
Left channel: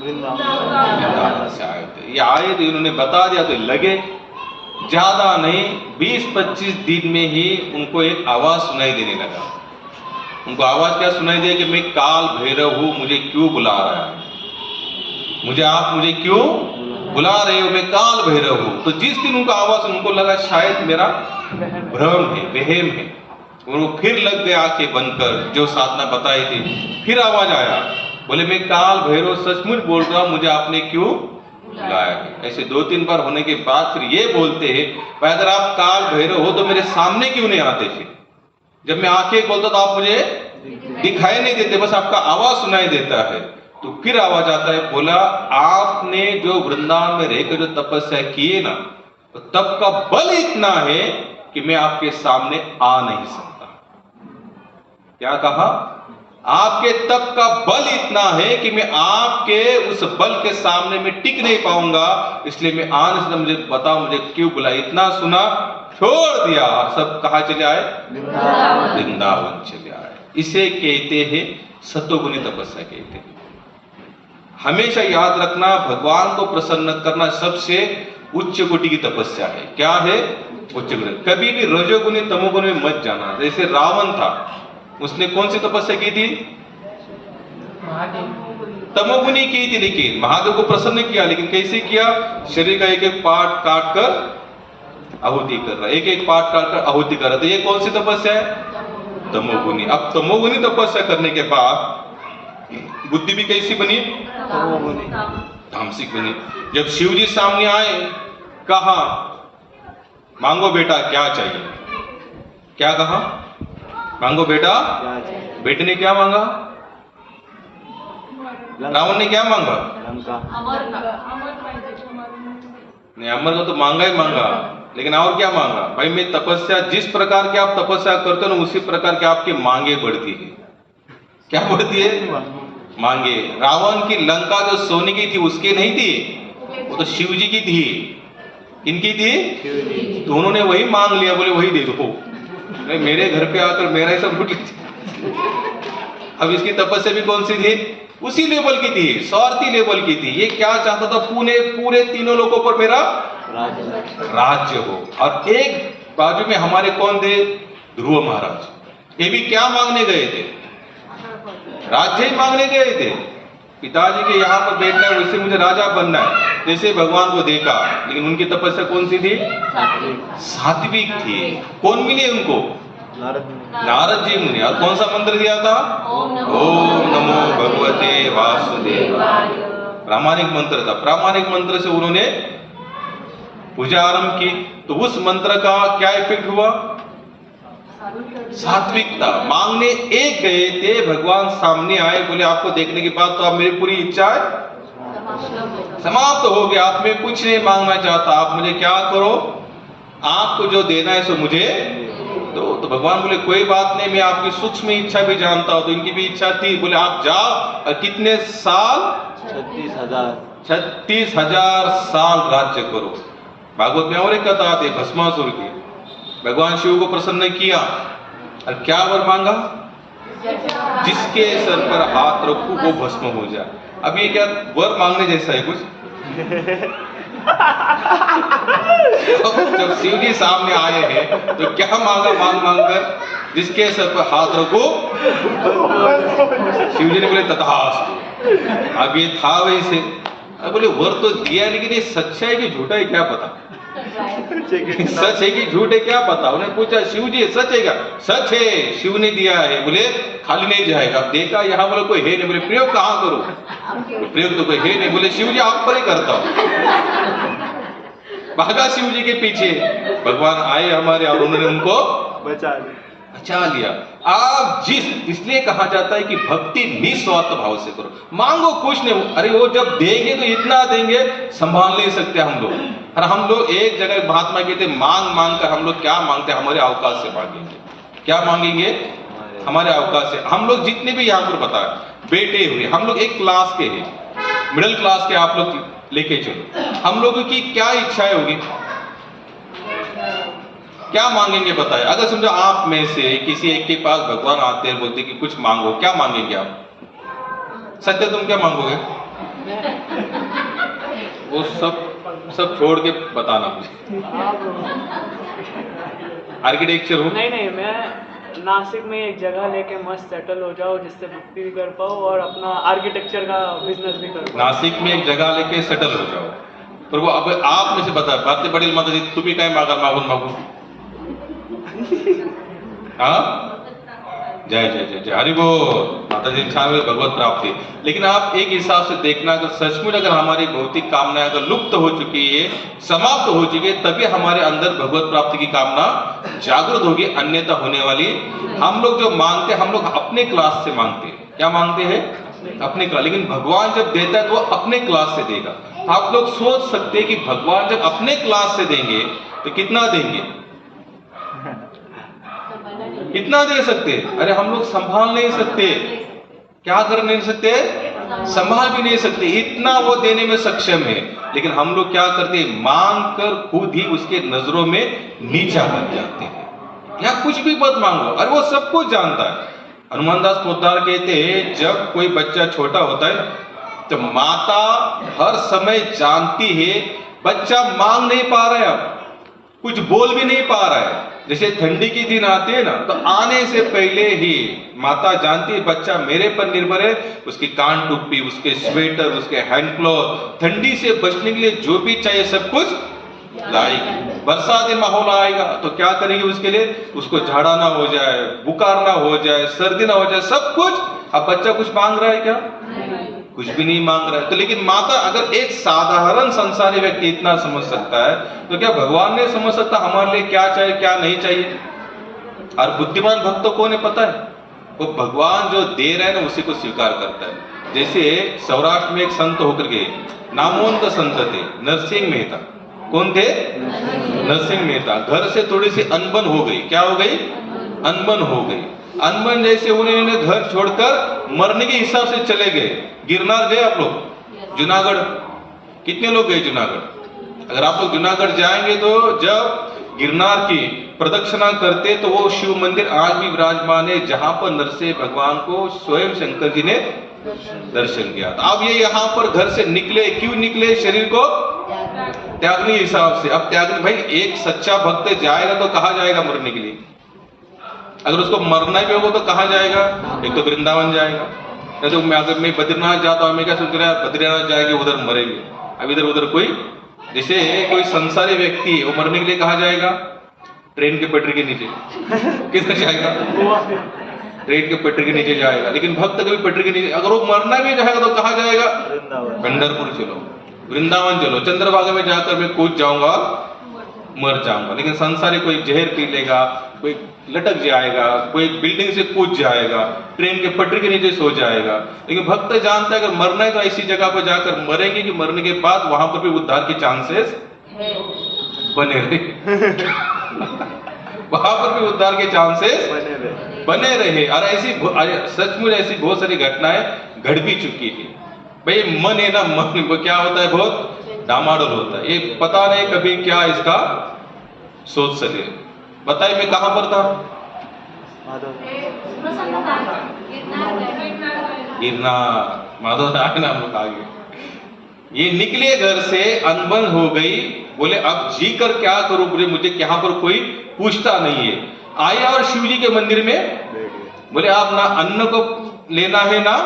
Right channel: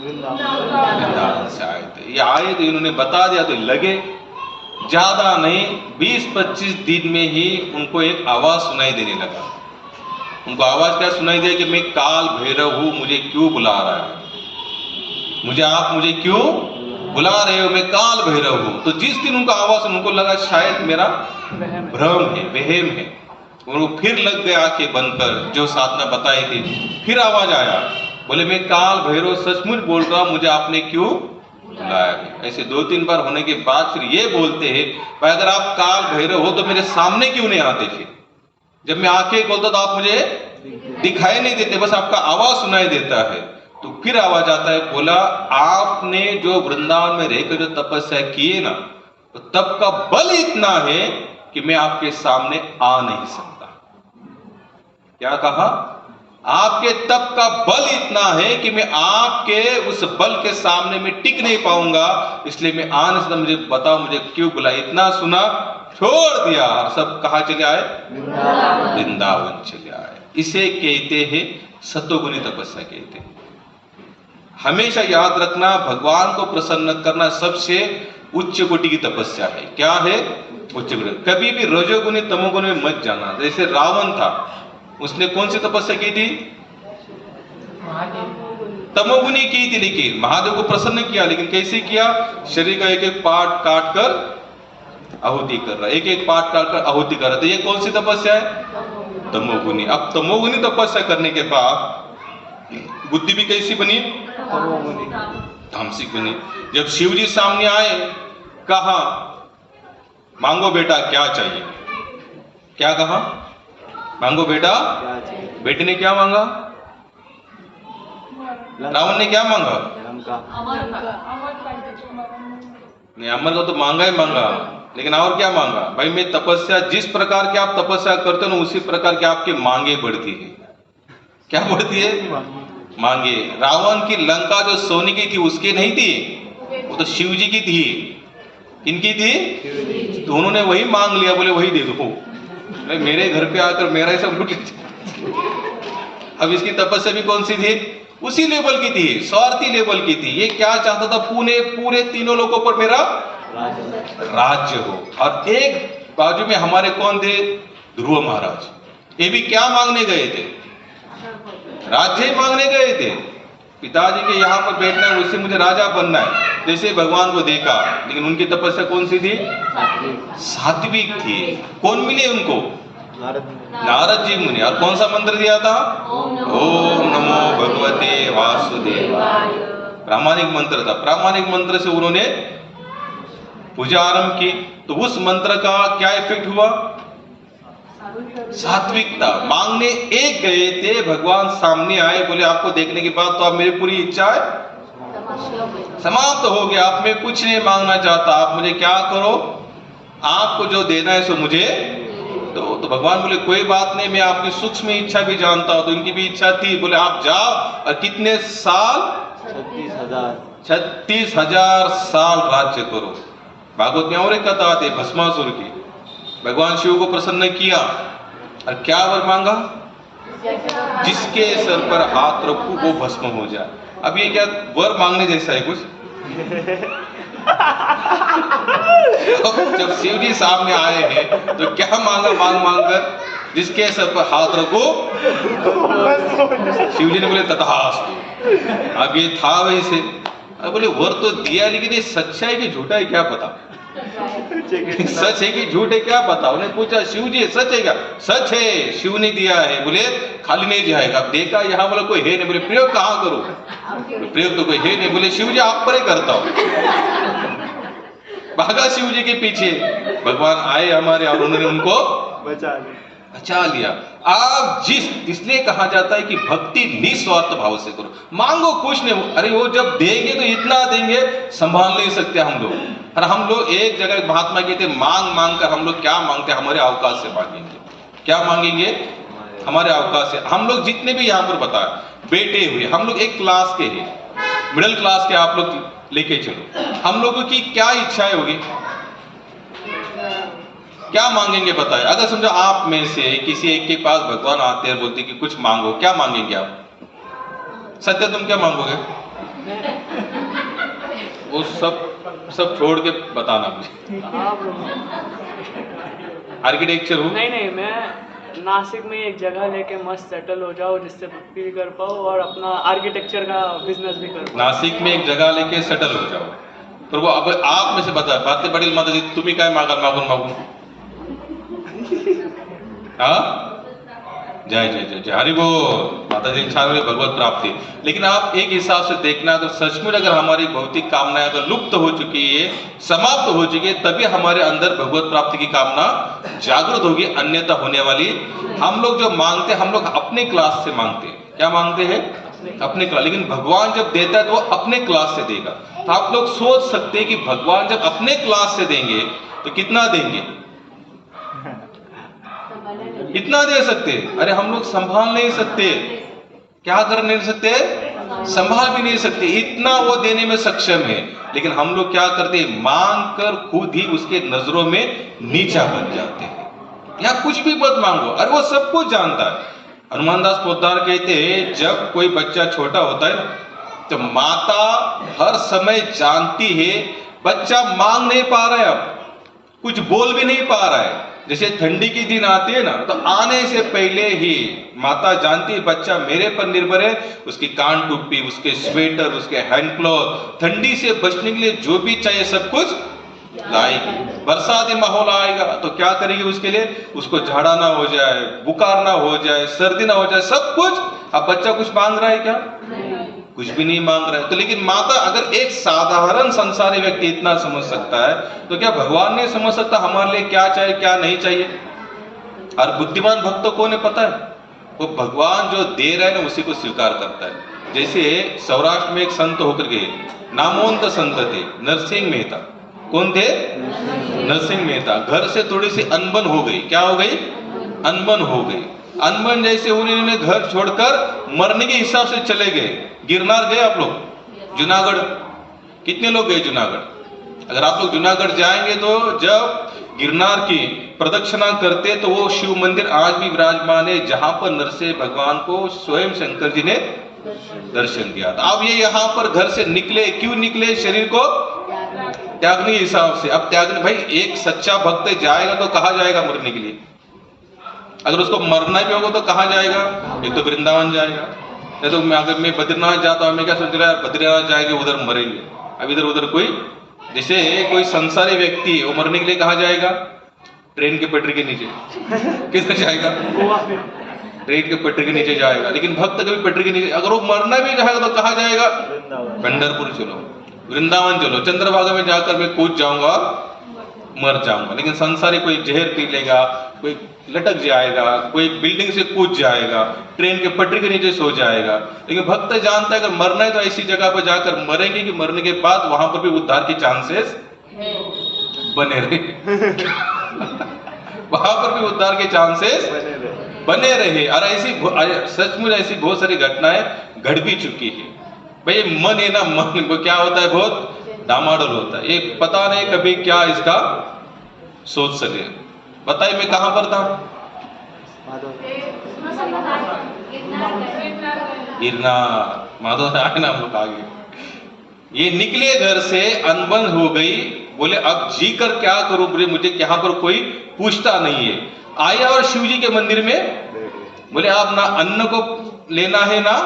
वृंदावन से आए थे। ये आए थे, इन्होंने बता दिया तो लगे। ज्यादा नहीं, 20-25 दिन में ही उनको एक आवाज सुनाई देने लगा। उनको आवाज क्या सुनाई दिया कि मैं काल भैरव हूं, मुझे क्यों बुला रहा है? मुझे क्यों बुला रहे हो? मैं काल भैरव हूं। तो जिस दिन उनको आवाज, उनको लगा शायद मेरा भ्रम है, वहम है। उनको फिर लग गए आंखें बंद कर, जो साधना बताई थी। फिर आवाज आया, बोले मैं काल भैरव सचमुच बोल रहा हूं, मुझे आपने क्यों बुलाया है? ऐसे 2-3 बार होने के बाद फिर ये बोलते हैं, भाई अगर आप काल भैरव हो तो मेरे सामने क्यों नहीं आते? फिर जब मैं आंखें खोलता तो आप मुझे दिखाई नहीं देते, बस आपका आवाज सुनाई देता है। तो फिर आवाज आता है, बोला आपने जो वृंदावन में रहकर जो तपस्या किए ना, तो तप का बल इतना है कि मैं आपके सामने आ नहीं सकता। क्या कहा? आपके तप का बल इतना है कि मैं आपके उस बल के सामने में टिक नहीं पाऊंगा, इसलिए मैं आ नहीं सकता। मुझे बताओ मुझे क्यों बुलाया? इतना सुना, छोड़ दिया और सब कहां चले आए? वृंदावन चले आए। इसे कहते हैं सतोगुनी तपस्या कहते हैं। हमेशा याद रखना, भगवान को प्रसन्न करना सबसे उच्च कोटि की तपस्या है। क्या है? उच्च कोटि। कभी भी रजोगुनी तमोगुनी में मत जाना। जैसे रावण था, उसने कौन सी तपस्या की थी? तमोगुनी की थी, लेकिन महादेव को प्रसन्न किया। लेकिन कैसे किया? शरीर का एक-एक पार्ट काट कर आहुति कर रहा है, एक-एक पार्ट काट कर आहुति कर रहा है। तो ये कौन सी तपस्या है? तमोगुनी। अब तमोगुनी तपस्या करने के बाद बुद्धि भी कैसी बनी? तामसिक बनी। जब शिव जी सामने आए, कहा मांगो बेटा क्या चाहिए? क्या कहा? मांगो बेटा। बेटे ने क्या मांगा? रावण ने क्या मांगा? नहीं, अमर का तो मांगा ही मांगा, लेकिन और क्या मांगा? भाई मैं तपस्या, जिस प्रकार की आप तपस्या करते हो ना, उसी प्रकार की आपकी मांगे बढ़ती है। क्या बढ़ती है? मांगे। रावण की लंका जो सोने की थी उसकी नहीं थी, वो तो शिव जी की थी। किनकी थी? तो उन्होंने वही मांग लिया, बोले वही दे दो। मेरे घर पे आकर मेरा ही सब लूट लीजिए। अब इसकी तपस्या भी कौन सी थी? उसी लेवल की थी, स्वार्थी लेवल की थी। ये क्या चाहता था? पूरे 3 लोगों पर मेरा राज्य हो। और एक बाजू में हमारे कौन थे? ध्रुव महाराज। ये भी क्या मांगने गए थे? राज्य ही मांगने गए थे। पिताजी के यहाँ पर बैठना है, वैसे मुझे राजा बनना है, जैसे भगवान को देखा। लेकिन उनकी तपस्या कौन सी थी? सात्विक थी। कौन मिले उनको? नारद जी मुनि। और कौन सा मंत्र दिया था? ओम नमो भगवते वासुदेवाय। प्रामाणिक मंत्र था। प्रामाणिक मंत्र से उन्होंने पूजा आरंभ की। तो उस मंत्र का क्या इफेक्ट हुआ? सात्विकता। मांगने एक गए थे, भगवान सामने आए, बोले आपको देखने के बाद तो आप मेरी पूरी इच्छा समाप्त हो गया। आप मैं कुछ नहीं मांगना चाहता, आप मुझे क्या करो, आपको जो देना है सो मुझे दो। तो भगवान बोले कोई बात नहीं, मैं आपकी सूक्ष्म इच्छा भी जानता हूं। तो इनकी भी इच्छा थी। बोले आप जाओ और कितने साल? 36,000 साल राज्य करो। भागवत में और एक कथा आती है भस्मासुर की। भगवान शिव को प्रसन्न किया और क्या वर मांगा? जिसके सर पर हाथ रखूं वो भस्म हो जाए। अब ये क्या वर मांगने जैसा है कुछ? जब शिव जी सामने आए हैं तो क्या मांगा? मांग कर जिसके सर पर हाथ रखो। शिव जी ने बोले तथास्तु। अब ये था वैसे। अब बोले वर तो दिया, लेकिन ये सच्चा है कि झूठा है क्या पता? सच है कि झूठ है क्या पता? उन्हें पूछा शिव जी सच है क्या? सच है, शिव ने दिया है। बोले खाली नहीं जाएगा। अब देखा यहाँ बोला कोई है नहीं। बोले प्रयोग कहाँ करो? प्रयोग तो कोई है नहीं। बोले शिव जी आप पर ही करता हूं। भागा शिव जी के पीछे, भगवान आए हमारे और उन्होंने उनको बचा लिया। आप इसलिए कहा जाता है कि भक्ति निस्वार्थ भाव से करो, मांगो कुछ नहीं। अरे वो जब देंगे तो इतना देंगे संभाल नहीं सकते हम लोग। और हम लोग एक जगह महात्मा कहते मांग मांग कर हम लोग क्या मांगते, हमारे अवकाश से मांगेंगे। क्या मांगेंगे? हमारे अवकाश से। हम लोग जितने भी यहाँ पर बताए बेटे हुए, हम लोग एक क्लास के हैं, मिडिल क्लास के, आप लोग लेके चलो, हम लोगों की क्या इच्छाएं होगी, क्या मांगेंगे बताए? अगर समझो आप में से किसी एक के पास भगवान आते हैं, बोलते कि कुछ मांगो, क्या मांगेंगे आप? सत्य तुम क्या मांगोगे? वो सब छोड़ के बताना मुझे। आर्किटेक्चर हो? नहीं, मैं नासिक में एक जगह लेके मस्त सेटल हो जाओ, जिससे भक्ति भी कर पाओ और अपना आर्किटेक्चर का बिजनेस भी कर पाओ। नासिक में एक जगह लेके सेटल हो जाओ। पर वो अब आप में से बता, बातें बड़ी माता जी तुम्ही काय मागून हाँ, जय जय जय जय हरि बोल। माता जी छान भगवत प्राप्ति। लेकिन आप एक हिसाब से देखना तो सचमुच अगर हमारी भौतिक कामनाएं तो लुप्त हो चुकी है, समाप्त हो चुकी है, तभी हमारे अंदर भगवत प्राप्ति की कामना जागृत होगी, अन्यथा होने वाली। हम लोग जो मांगते हैं, हम लोग अपने क्लास से मांगते हैं। क्या मांगते हैं? अपने क्लास। लेकिन भगवान जब देता है तो वो अपने क्लास से देगा। तो आप लोग सोच सकते हैं कि भगवान जब अपने क्लास से देंगे तो कितना देंगे? कितना दे सकते? अरे हम लोग संभाल नहीं सकते। क्या कर नहीं सकते? संभाल भी नहीं सकते, इतना वो देने में सक्षम है। लेकिन हम लोग क्या करते हैं? मांग कर खुद ही उसके नजरों में नीचा बन जाते हैं। या कुछ भी मत मांगो, अरे वो सब कुछ जानता है। हनुमान दास पोद्दार कहते हैं जब कोई बच्चा छोटा होता है ना, तो माता हर समय जानती है बच्चा मांग नहीं पा रहा है, अब कुछ बोल भी नहीं पा रहा है। जैसे ठंडी के दिन आते हैं ना, तो आने से पहले ही माता जानती है बच्चा मेरे पर निर्भर है, उसकी कान टोपी, उसके स्वेटर, उसके हैंड क्लॉथ, ठंडी से बचने के लिए जो भी चाहिए सब कुछ लाएगी। बरसाती माहौल आएगा तो क्या करेगी उसके लिए? उसको झाड़ा ना हो जाए, बुखार ना हो जाए, सर्दी ना हो जाए, सब कुछ। अब बच्चा कुछ मांग रहा है क्या? कुछ भी नहीं मांग रहा है। तो लेकिन माता, अगर एक साधारण संसारी व्यक्ति इतना समझ सकता है, तो क्या भगवान नहीं समझ सकता हमारे लिए क्या चाहिए क्या नहीं चाहिए? और बुद्धिमान भक्त तो कौन है पता है? वो भगवान जो दे रहा है ना उसी को स्वीकार करता है। जैसे सौराष्ट्र में एक संत होकर गए, नामवंत संत थे, नरसिंह मेहता। कौन थे? नरसिंह मेहता। घर से थोड़ी सी अनबन हो गई। क्या हो गई? अनबन हो गई। अनबन जैसे उन्होंने घर छोड़कर मरने के हिसाब से चले गए। गिरनार गए आप लोग? जूनागढ़ कितने लोग गए जूनागढ़? अगर आप लोग जूनागढ़ जाएंगे तो जब गिरनार की प्रदक्षिणा करते तो वो शिव मंदिर आज भी विराजमान है, जहां पर नरसिंह भगवान को स्वयं शंकर जी ने दर्शन किया था। अब ये यहाँ पर घर से निकले, क्यों निकले? शरीर को त्यागने के हिसाब से। अब त्यागने, भाई एक सच्चा भक्त जाएगा तो कहाँ जाएगा मरने के लिए? अगर उसको मरना भी होगा तो कहाँ जाएगा? एक तो वृंदावन जाएगा, नहीं तो मैं अगर मैं बद्रीनाथ जाता हूँ, मैं क्या सोच रहा है बद्रीनाथ जाएंगे उधर मरेंगे। अब इधर उधर कोई, जैसे कोई संसारी व्यक्ति वो मरने के लिए कहाँ जाएगा? ट्रेन के पटरी के नीचे। किधर जाएगा? ट्रेन के पटरी के नीचे जाएगा। लेकिन भक्त कभी पटरी के नीचे, अगर वो मरना भी जाएगा तो कहाँ जाएगा? पंढरपुर चलो, वृंदावन चलो, चंद्रभागा में जाकर मैं कूद जाऊंगा और मर जाऊंगा। लेकिन संसारी कोई जहर पी लेगा, कोई लटक जाएगा, कोई बिल्डिंग से कूद जाएगा, ट्रेन के पटरी के नीचे सो जाएगा। लेकिन भक्त जानता है अगर मरना है तो ऐसी जगह पर जाकर मरेंगे कि मरने के बाद वहां पर भी उद्धार के चांसेस बने रहे। वहां पर भी उद्धार के चांसेस बने रहे। और ऐसी सचमुच ऐसी बहुत सारी घटनाएं घट भी चुकी है। भाई मन है ना, मन क्या होता है? बहुत डामाडोल होता है। ये पता नहीं कभी क्या इसका सोच सके। बताइए मैं कहां पर था? गिरनार, माधव आए ना हम लोग आगे। ये निकले घर से, अनबन हो गई, बोले अब जी कर क्या करूं, मुझे यहाँ पर कोई पूछता नहीं है। आया और शिव जी के मंदिर में बोले आप ना अन्न को लेना है ना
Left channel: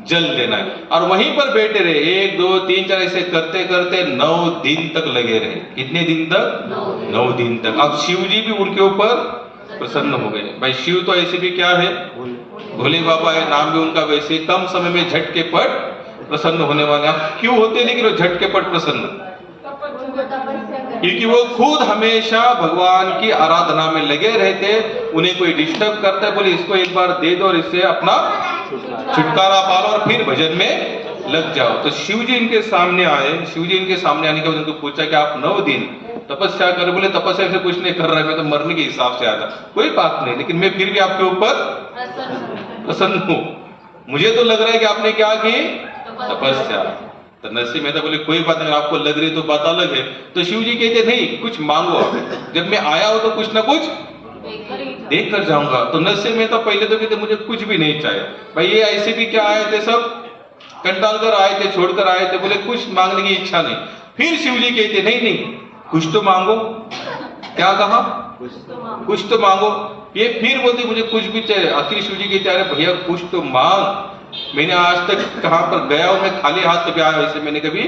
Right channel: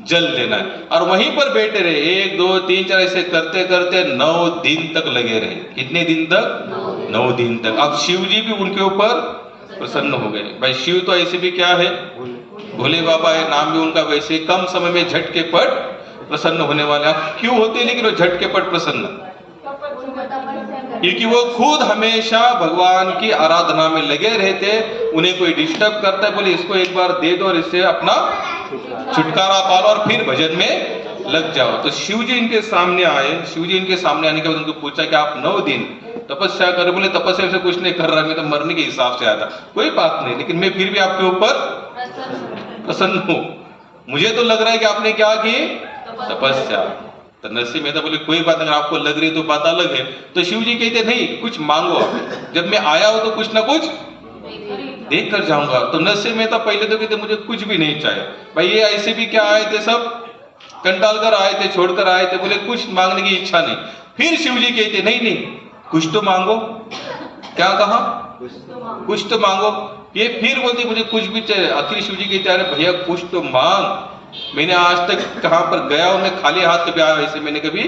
जल लेना है, और वहीं पर बैठे रहे। 1 2 3 4 ऐसे करते करते 9 दिन तक लगे रहे। कितने दिन तक? 9 दिन तक। अब शिव जी भी उनके ऊपर प्रसन्न हो गए। भाई शिव तो ऐसे भी क्या है? भोले बाबा है, नाम भी उनका वैसे। कम समय में झट के पट प्रसन्न होने वाले। आप क्यों होते हैं लेकिन वो झटकेपट प्रसन्न? क्योंकि वो खुद हमेशा भगवान की आराधना में लगे रहते। उन्हें कोई डिस्टर्ब करता है, बोले इसको एक बार दे दो और इससे अपना छुटकारा पालो और फिर भजन में लग जाओ। तो शिव जी इनके सामने आए। शिव जी इनके सामने आने के बाद उनको पूछा कि आप 9 दिन तपस्या कर। बोले तपस्या से कुछ नहीं कर रहा, मैं तो मरने के हिसाब से आया था। कोई बात नहीं, लेकिन मैं फिर भी आपके ऊपर प्रसन्न हूं। मुझे तो लग रहा है कि आपने क्या की, तपस्या। तो नरसिंह मेहता बोले कोई बात नहीं, आपको लग रही है तो बात अलग है। तो शिव जी कहते नहीं, कुछ मांगो आप, जब मैं आया हूं तो कुछ ना कुछ देख कर जाऊंगा। तो नरसिंह मेहता पहले तो कहते मुझे कुछ भी नहीं चाहिए। भाई ये ऐसे भी क्या आए थे, सब कंटाल कर आए थे, छोड़कर आए थे। बोले कुछ मांगने की इच्छा नहीं। फिर शिव जी कहते नहीं नहीं, कुछ तो मांगो। क्या कहा, कुछ तो मांगो। ये फिर बोलते मुझे कुछ भी चाहिए। आखिर शिव जी कहते अरे भैया कुछ तो मांग, मैंने आज तक कहां पर गया और मैं खाली हाथ कभी आया, वैसे मैंने कभी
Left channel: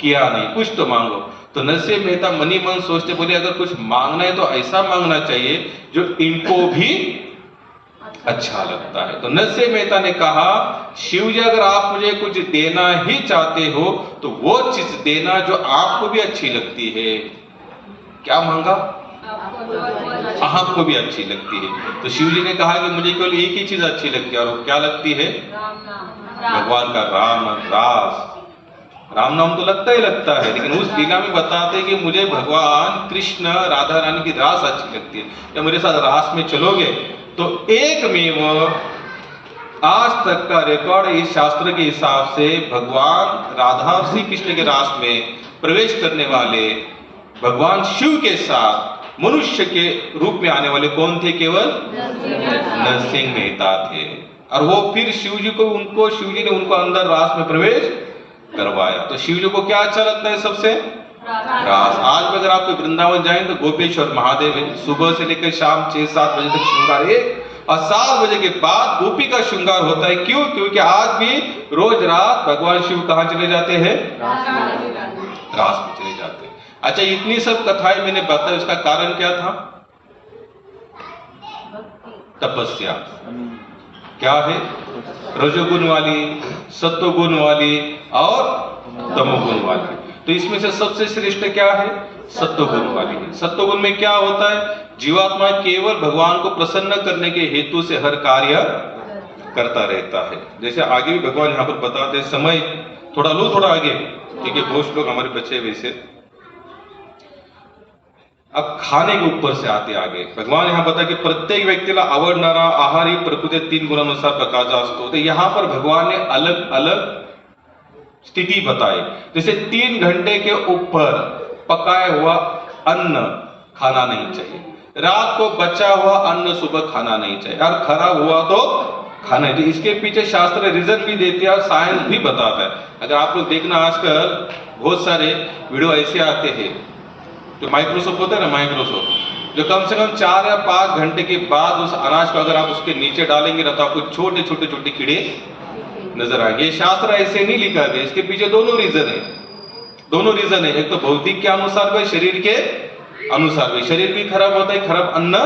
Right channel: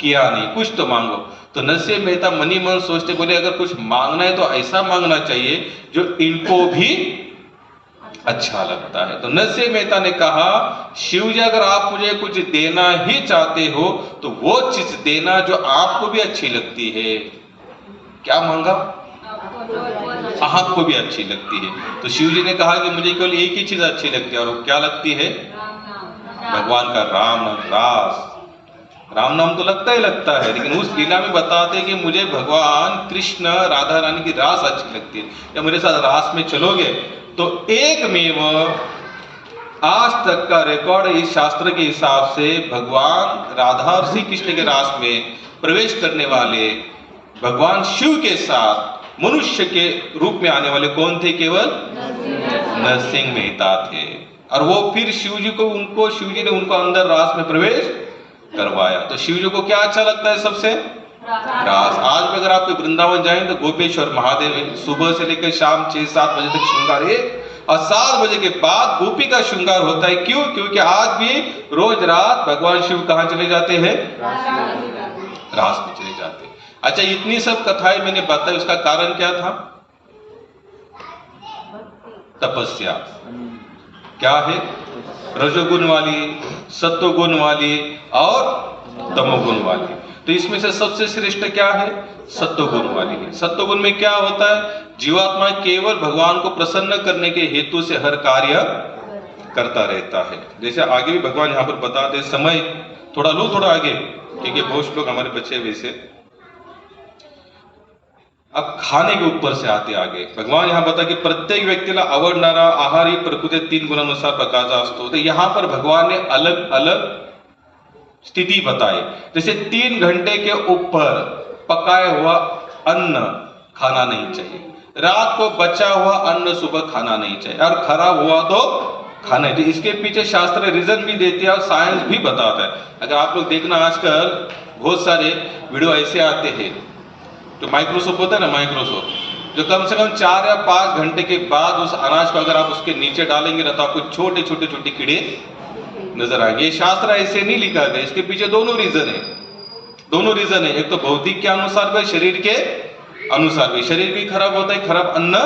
किया नहीं, कुछ तो मांगो। तो नरसिंह मेहता मनी मन सोचते, बोले अगर कुछ मांगना है तो ऐसा मांगना चाहिए जो इनको भी अच्छा लगता है। तो नरसिंह मेहता ने कहा शिव जी अगर आप मुझे कुछ देना ही चाहते हो तो वो चीज देना जो आपको भी अच्छी लगती है। क्या मांगा, आपको भी अच्छी लगती है। तो शिव जी ने कहा कि मुझे केवल एक ही चीज अच्छी लगती है, और वो क्या लगती है, भगवान का राम नाम, रास। राम नाम तो लगता ही लगता है, लेकिन उस लीला में बताते कि मुझे भगवान कृष्ण राधा रानी की रास अच्छी लगती है। या मेरे साथ रास में चलोगे तो एक में आज तक का रिकॉर्ड इस शास्त्र के हिसाब से भगवान राधा और श्री कृष्ण के रास में प्रवेश करने वाले भगवान शिव के साथ मनुष्य के रूप में आने वाले कौन थे, केवल नरसिंह मेहता थे। और वो फिर शिव जी ने उनको अंदर रास में प्रवेश करवाया। तो शिव जी को क्या अच्छा लगता है सबसे, रास। आज भी अगर आप वृंदावन जाएं तो गोपेश्वर महादेव है, सुबह से लेकर शाम 6-7 बजे तक श्रृंगार है, और 7 बजे के बाद गोपी का श्रृंगार होता है। क्यों, क्योंकि आज भी रोज रात भगवान शिव कहां चले जाते हैं, रास में चले जाते हैं। अच्छा, इतनी सब कथाएं मैंने बताई, उसका कारण क्या था, तपस्या। क्या है, रजोगुण वाली, सत्वगुण वाली और तमोगुण वाली। तो इसमें से सबसे श्रेष्ठ क्या है, सत्वगुण वाली है। सत्वगुण में क्या होता है, जीवात्मा केवल भगवान को प्रसन्न करने के हेतु से हर कार्य करता रहता है। जैसे आगे भी भगवान यहाँ पर बताते, समय थोड़ा लो, थोड़ा आगे, क्योंकि बहुत लोग हमारे बच्चे वैसे। अब खाने के ऊपर से आते आगे भगवान यहाँ बता कि प्रत्येक व्यक्तीला आवडणारा आहार ही प्रकृती 3 गुणानुसार प्रकारचा असतो। तो यहाँ पर भगवान ने अलग अलग स्थिति बताई। जैसे 3 घंटे के ऊपर पकाया हुआ अन्न खाना नहीं चाहिए, रात को बचा हुआ अन्न सुबह खाना नहीं चाहिए, और खराब हुआ तो खाना चाहिए। इसके पीछे शास्त्र रीजन भी देते हैं और साइंस भी बताता है। अगर आप लोग देखना, आजकल बहुत सारे वीडियो ऐसे आते हैं, जो माइक्रोसोफ्ट होता है ना, माइक्रोसोफ्ट, जो कम से कम 4 या 5 घंटे के बाद उस अनाज को अगर आप उसके नीचे डालेंगे ना तो आपको छोटे छोटे छोटे कीड़े नजर आएंगे। ये शास्त्र ऐसे नहीं लिखा गया, इसके पीछे दोनों रीजन है। एक तो भौतिक के अनुसार भी, शरीर के अनुसार भी। शरीर भी खराब होता है खराब अन्न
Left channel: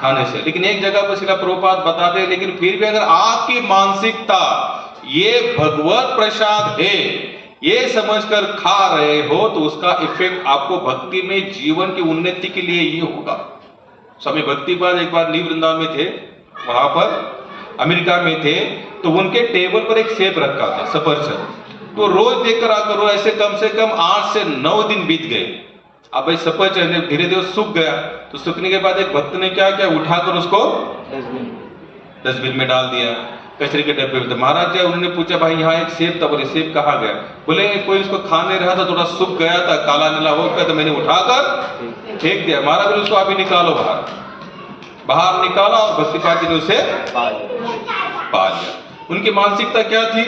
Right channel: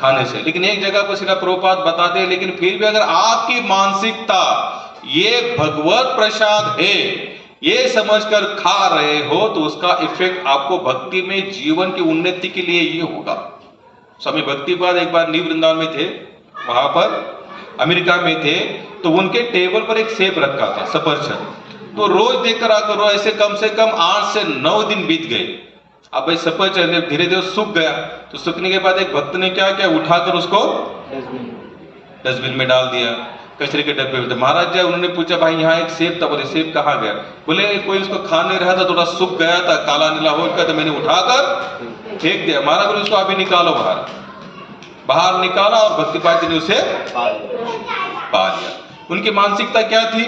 खाने से। लेकिन एक जगह पर शिला प्रभुपाद बताते हैं, लेकिन फिर भी अगर आपकी मानसिकता ये भगवत प्रसाद है ये समझकर खा रहे हो तो उसका इफेक्ट आपको भक्ति में, जीवन की उन्नति के लिए ये होगा। स्वामी भक्तिपाद एक बार न्यू वृंदावन में थे, वहां पर अमेरिका में थे, तो उनके टेबल पर एक सेब रखा था, सफरचंद। तो रोज देखकर आकर वो ऐसे कम से कम 8 से 9 दिन बीत गए। अब भाई सफरचंद धीरे धीरे सूख गया, तो सूखने के बाद एक भक्त ने क्या किया, उठाकर उसको डस्टबिन में डाल दिया, कचरे के डब्बे में। महाराज जी उन्होंने पूछा भाई यहाँ एक सेब था, बोले सेब कहाँ गया? बोले कोई उसको खा नहीं रहा था, थोड़ा सूख गया था, काला नीला हो गया, तो मैंने उठाकर फेंक दिया। महाराज बोले उसको अभी निकालो बाहर निकाला, और भक्तिपाद जी ने उसे पा लिया। उनकी मानसिकता क्या थी,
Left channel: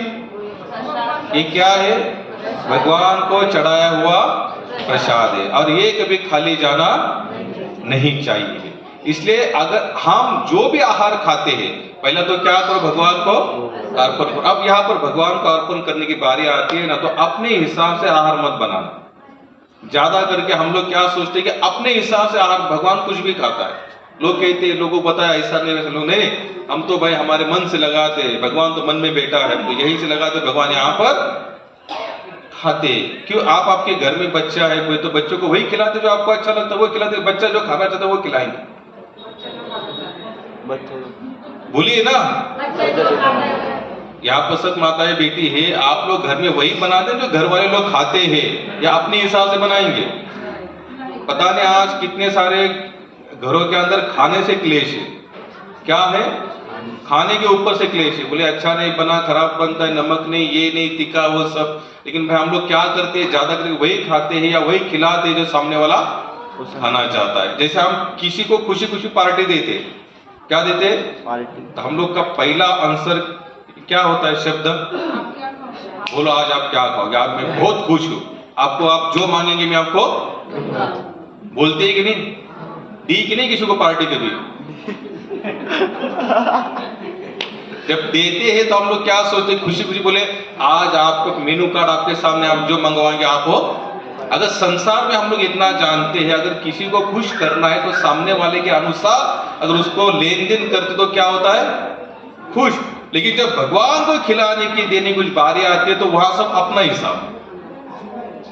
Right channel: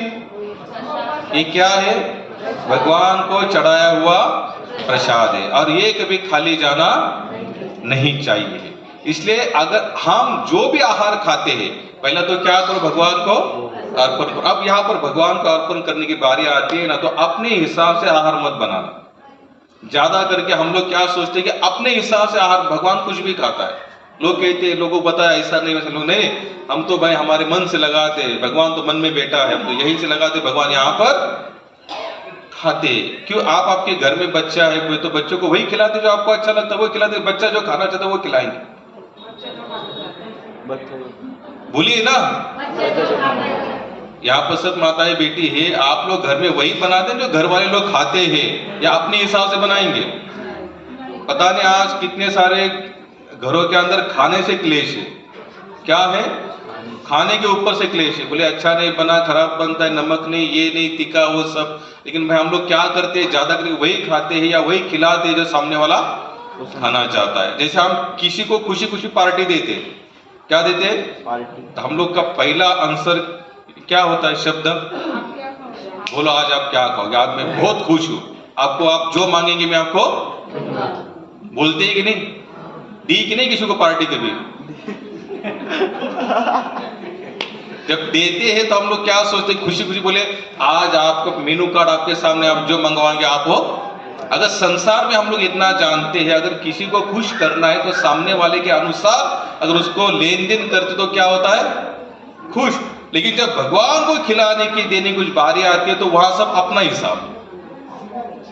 ये क्या है, भगवान को चढ़ाया हुआ प्रसाद है, और ये कभी खाली जाना नहीं चाहिए। इसलिए अगर हम जो भी आहार खाते हैं, पहला तो क्या करो, भगवान को अर्पण करो। अब यहाँ पर भगवान को अर्पण करने की बारी आती है ना, तो अपने हिसाब से आहार मत बनाना। ज्यादा करके हम लोग क्या सोचते हैं कि अपने हिसाब से आहार, भगवान कुछ भी खाता है। लोग कहते हैं, लोगों को बताया ऐसा नहीं वैसा, लोग नहीं, हम तो भाई हमारे मन से लगाते, भगवान तो मन में बैठा है, हम तो यही से लगाते, भगवान यहाँ पर खाते। क्यों? आप आपके घर में बच्चा है कोई, तो बच्चों को वही खिलाते जो आपको अच्छा लगता है, वो खिलाते। बच्चा जो खाना चाहता है वो खिलाएंगे। बोलिए ना। यहाँ पर सब माताएं बेटी है, आप लोग घर में वही बनाते हैं जो घर वाले लोग खाते हैं, या अपने हिसाब से बनाएंगे? पता नहीं आज कितने सारे घरों के अंदर खाने से क्लेश है। क्या है? खाने के ऊपर से क्लेश है। बोले अच्छा नहीं बना, खराब बनता है, नमक नहीं, ये नहीं, तीखा, वो सब। लेकिन भाई हम लोग क्या करते हैं, ज्यादा करके वही खाते हैं या वही खिलाते हैं जो सामने वाला खाना चाहता है। जैसे हम किसी को खुशी खुशी पार्टी देते, क्या देते? पार्टी। तो हम लोग का पहला आंसर क्या होता है? शब्द बोलो, आज आप क्या खाओगे? आज मैं बहुत खुश हूं, आपको आप जो मांगेंगे मैं आपको। बोलते ही कि नहीं? दी कि नहीं किसी को पार्टी कभी? जब देते हैं तो हम लोग क्या सोचते हैं? खुशी खुशी बोले आज आपको मेनू कार्ड आपके सामने, आप जो मंगवाएंगे आप हो। अगर संसार में हम लोग इतना जानते हैं, अगर किसी को खुश करना है तो सामने वाले के अनुसार अगर उसको लेन देन करते तो क्या होता है? खुश। लेकिन जब भगवान को खिलाने की देने कुछ बारी आती है तो वहां सब अपना हिसाब,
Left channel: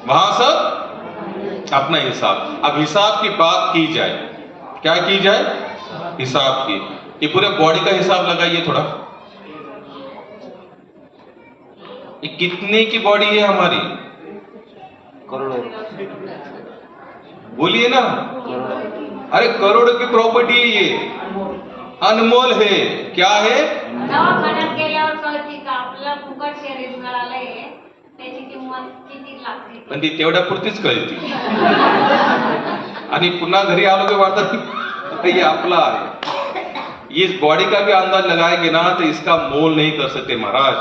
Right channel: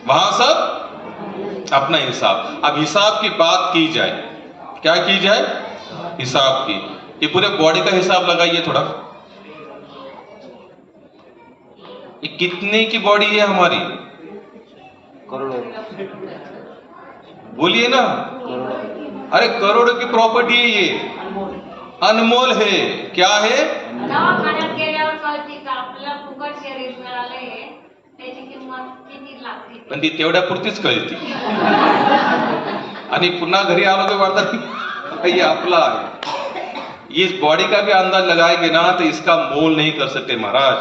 वहां सब अपना हिसाब। अब हिसाब की बात की जाए, क्या की जाए? हिसाब की। ये पूरे बॉडी का हिसाब लगाइए थोड़ा। ये कितने की बॉडी है हमारी? करोड़ों। बोलिए ना। अरे करोड़ों की प्रॉपर्टी है ये, अनमोल है। क्या है? दवाखान्यात गेल्यावर कळते का आपल्याला फुकट शरीर मिळालंय, त्याची किंमत किती लागते. पण ती तेवढ्या पुरतीच कळती, आणि पुन्हा घरी आलो की वाटतं ये आपला है। इस बॉडी का भी अंदाज लगाएंगे ना तो इसका मोल नहीं कर सकते महाराज।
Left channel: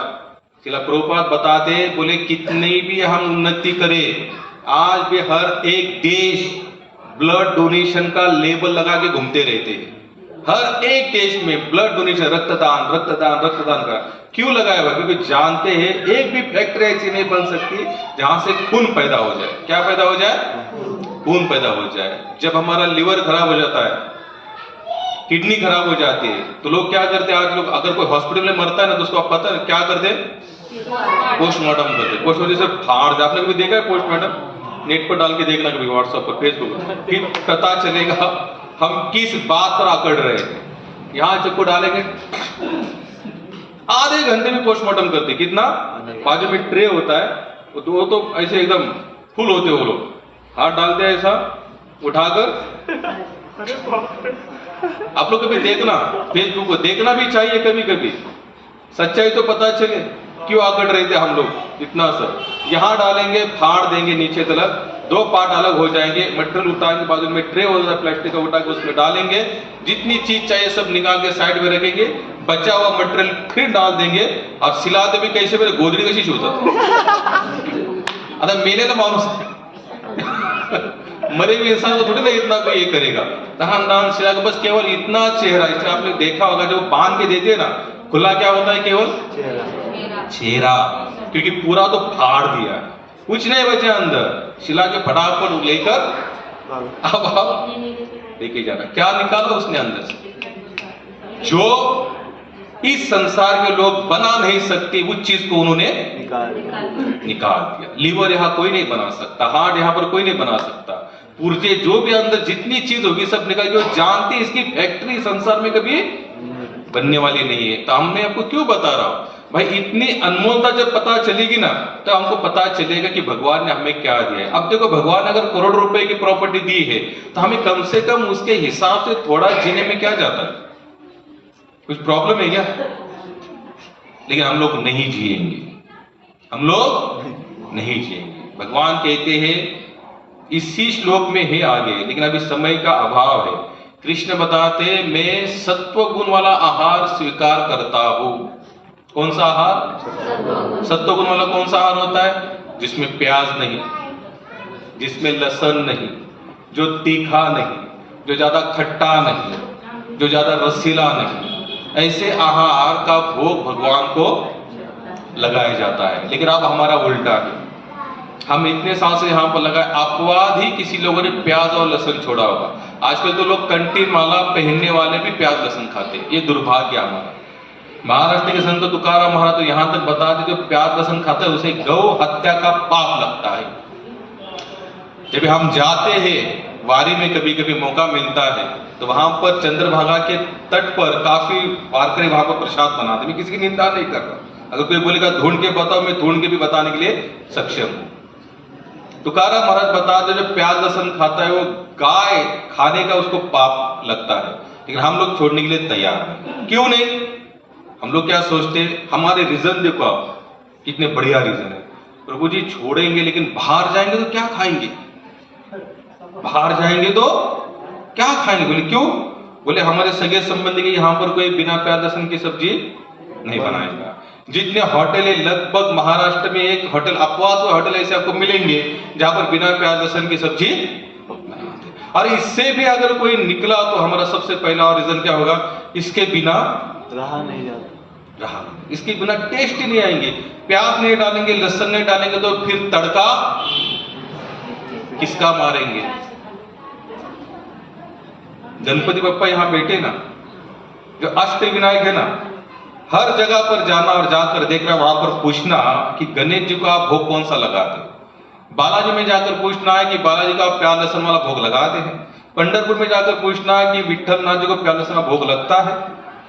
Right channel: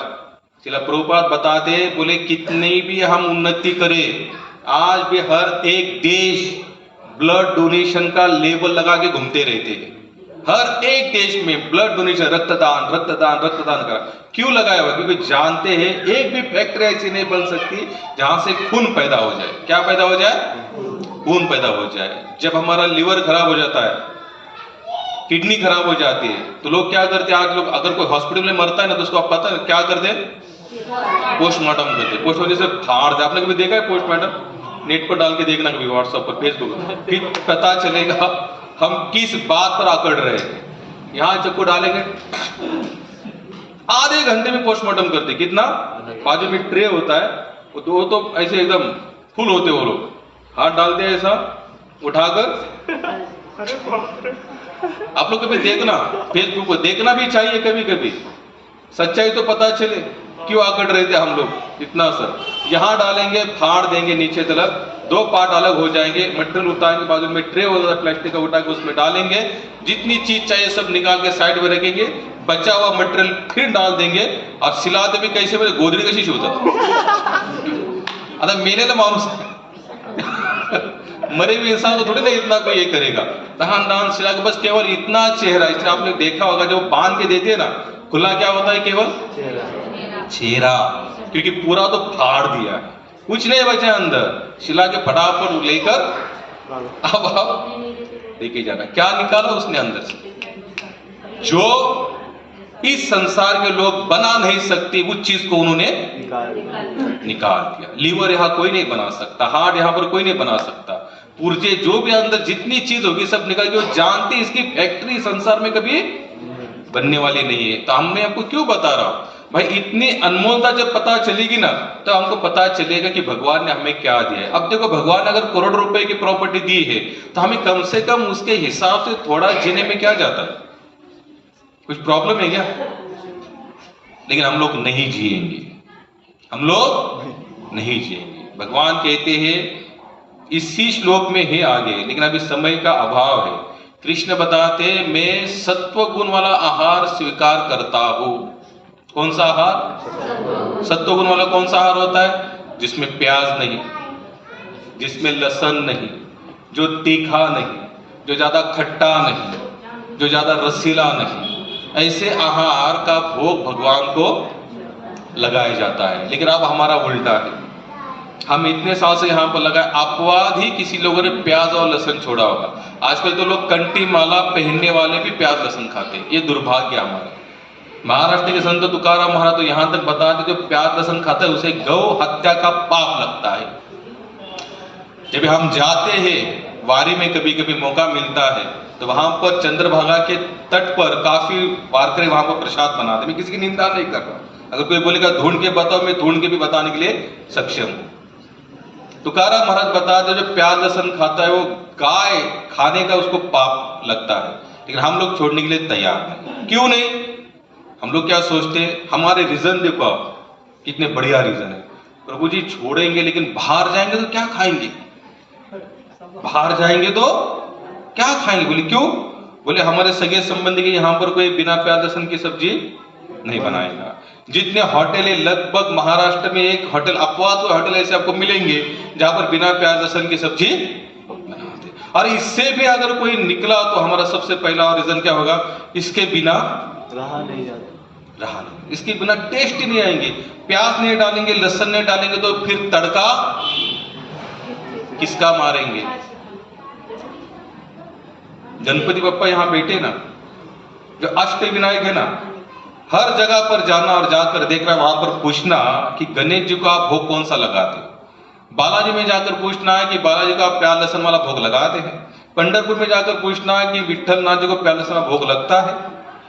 शिला प्रभुपाद बताते, बोले कितनी भी हम उन्नति करें, आज भी हर एक देश ब्लड डोनेशन का लेबल लगा के घूमते रहते हैं। हर एक देश में ब्लड डोनेशन, रक्तदान रक्तदान रक्तदान का क्यों लगाया हुआ? क्योंकि जानते हैं एक भी फैक्ट्री ऐसी नहीं बन सकती जहां से खून पैदा हो जाए। क्या पैदा हो जाए? खून पैदा हो जाए। जब हमारा लिवर खराब हो जाता है, किडनी खराब हो जाती है, तो लोग क्या करते हैं? आज लोग अगर कोई हॉस्पिटल में मरता है ना तो उसको आप पता है क्या करते? पोस्टमार्टम करते। पोस्टमार्टम से फाड़ दे। आपने कभी देखा है पोस्टमार्टम? नेट पर डाल के देखना कभी, व्हाट्सएप पर, फेसबुक पर, फिर पता चलेगा हम किस बात पर अकड़ रहे हैं। यहां चक्कू डालेंगे, आधे घंटे में पोस्टमार्टम करते। कितना? बाजू में ट्रे होता है, वो तो ऐसे एकदम फुल होते वो लोग, हाथ डालते हैं ऐसा उठाकर। आप लोग कभी देखना, फेसबुक को देखना भी चाहिए कभी कभी, सच्चाई तो पता चले क्यों आकड़ रहे थे हम लोग इतना सर। यहां डालेंगे, फाड़ देंगे नीचे तरफ, दो पार्ट अलग हो जाएंगे, मटेरियल उठाएंगे, बाजू में ट्रे होता है प्लास्टिक का, उठा के उसमें डालेंगे, जितनी चीज चाहिए सब निकाल के साइड में रखेंगे, बचा हुआ मटेरियल फिर डाल देंगे। और सिलाते भी कैसे? मेरे गोदड़ी कशी शिवतात आता मेलेला माणूस मरे हुए इंसान को थोड़ी ना इतना कोई ये करेगा। दहान दहान सिला के बस केवल इतना चेहरा। इससे आपने देखा होगा जो बांध के देते हैं ना, खुला क्या होता है? केवल चेहरा, क्योंकि पूरा तो फाड़ दिया, कुछ नहीं बचा अंदर। सिला के फटाफट लेकर अब आप लेके जाना। क्या निकाला उसने अंदर से? जो इस संसार के लोग बना नहीं सकते उस चीज को उन्होंने निकाल दिया। लीवर यहाँ कोई नहीं बना सकता, हार्ट यहाँ पर कोई नहीं बना सकता, पुर्जे जो भी अंदर जितनी चीज होगी सब निकाल। जो जानते इसकी फैक्ट्री संसार में कभी बनने वाली नहीं है। तो हमने आपको क्यों बता रहा हूं भाई, इतनी अनमोलता जब पता चलेगी ना तो हमको पता चलेगा कि भगवान ने हमें क्या दिया है। अब देखो, भगवान ने अगर करोड़ रुपए की प्रॉपर्टी दी है तो हमें कम से कम उसके हिसाब से थोड़ा जीने में क्या जाता है? कुछ प्रॉब्लम है क्या? लेकिन हम लोग नहीं जिएंगे, हम लोग नहीं जिएंगे। भगवान कहते हैं इसी श्लोक में है आगे, लेकिन अभी समय का अभाव है। कृष्ण बताते, मैं सत्व गुण वाला आहार स्वीकार करता हूं। कौन सा आहार? सत्व गुण वाला कौन सा आहार होता है? जिसमें प्याज नहीं, जिसमें लहसुन नहीं, जो तीखा नहीं, जो ज्यादा खट्टा नहीं, जो ज्यादा रसीला नहीं, ऐसे आहार का भोग भगवान को लगाया जाता है। लेकिन अब हमारा उल्टा है, हम इतने साल से यहाँ पर लगाए, अपवाद ही किसी लोगों ने प्याज और लहसुन छोड़ा होगा। आजकल तो लोग कंठी माला पहनने वाले भी प्याज लहसुन खाते हैं। ये दुर्भाग्य हमारा। महाराष्ट्र के संत तुकाराम महाराज तो यहां तक बताते, जो प्याज लहसुन खाता है उसे गौ हत्या का पाप लगता है। जब हम जाते हैं वारी में, कभी कभी मौका मिलता है तो वहां पर चंद्रभागा के तट पर काफी वारकरी वहां पर प्रसाद बनाते। मैं किसी की निंदा नहीं कर रहा, अगर कोई बोलेगा ढूंढ के बताओ, मैं ढूंढ के भी बताने के लिए सक्षम हूं। तुकाराम महाराज बताते जो प्याज लहसुन खाता है वो गाय खाने का उसको पाप लगता है, लेकिन हम लोग छोड़ने के लिए तैयार नहीं। क्यों नहीं? हम लोग क्या सोचते हैं, हमारे रीजन देखो आप कितने बढ़िया रीजन है। प्रभु जी छोड़ेंगे लेकिन बाहर जाएंगे तो क्या खाएंगे, बाहर जाएंगे तो क्या खाएंगे? बोले क्यों? बोले हमारे सगे संबंधी के यहाँ पर कोई बिना प्याज लहसुन की सब्जी नहीं बनाएगा। जितने होटल है लगभग महाराष्ट्र में एक होटल, अपवाद होटल ऐसे आपको मिलेंगे जहां पर बिना प्याज लहसुन की सब्जी बनाते। और इससे भी अगर कोई निकला तो हमारा सबसे पहला रीजन क्या होगा, इसके बिना रहा नहीं जाता, रहा नहीं, इसके बिना टेस्ट ही नहीं आएंगे। प्याज नहीं डालेंगे, लहसुन नहीं डालेंगे तो फिर तड़का किसका मारेंगे? गणपति बप्पा यहाँ बैठे ना, जो अष्ट विनायक है ना, हर जगह पर जाना और जाकर देखना, वहां पर पूछना कि गणेश जी को आप भोग कौन सा लगाते हो। बालाजी में जाकर पूछना है कि बालाजी को आप प्याज लहसुन वाला भोग लगाते हैं। पंढरपुर में जाकर पूछना है कि विठल नाथ जी को प्याज लहसुन वाला भोग लगता है।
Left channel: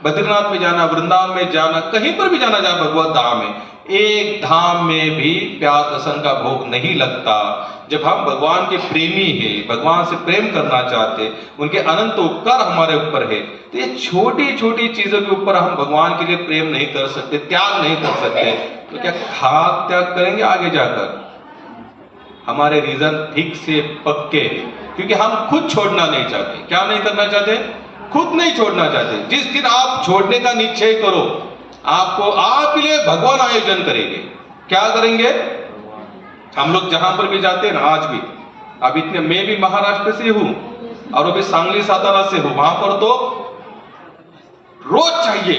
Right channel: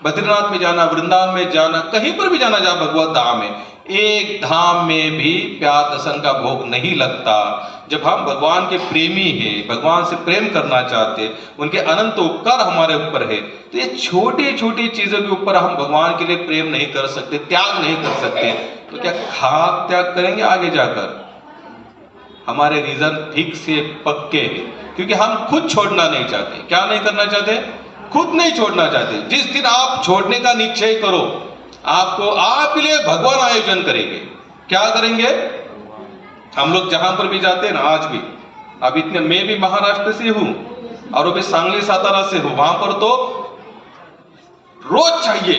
बद्रीनाथ में जाना, वृंदावन में जाना, कहीं पर भी जाना जहां भगवत धाम है, एक धाम में भी प्याज लहसुन का भोग नहीं लगता। जब हम भगवान के प्रेमी हैं, भगवान से प्रेम करना चाहते, उनके अनंत उपकार हमारे ऊपर है, तो ये छोटी छोटी चीजों के ऊपर हम भगवान के लिए प्रेम नहीं कर सकते, त्याग नहीं कर सकते, तो क्या खाक त्याग करेंगे आगे जाकर? हमारे रीजन ठीक से पक्के हैं, क्योंकि हम खुद छोड़ना नहीं चाहते। क्या नहीं करना चाहते? खुद नहीं छोड़ना चाहते। जिस दिन आप छोड़ने का निश्चय करो, आपको आपके लिए भगवान आयोजन करेंगे। क्या करेंगे? हम लोग जहां पर भी जाते हैं ना, आज भी, अब इतने, मैं भी महाराष्ट्र से हूं और वो भी सांगली सातारा से हूं, वहां पर तो रोज चाहिए।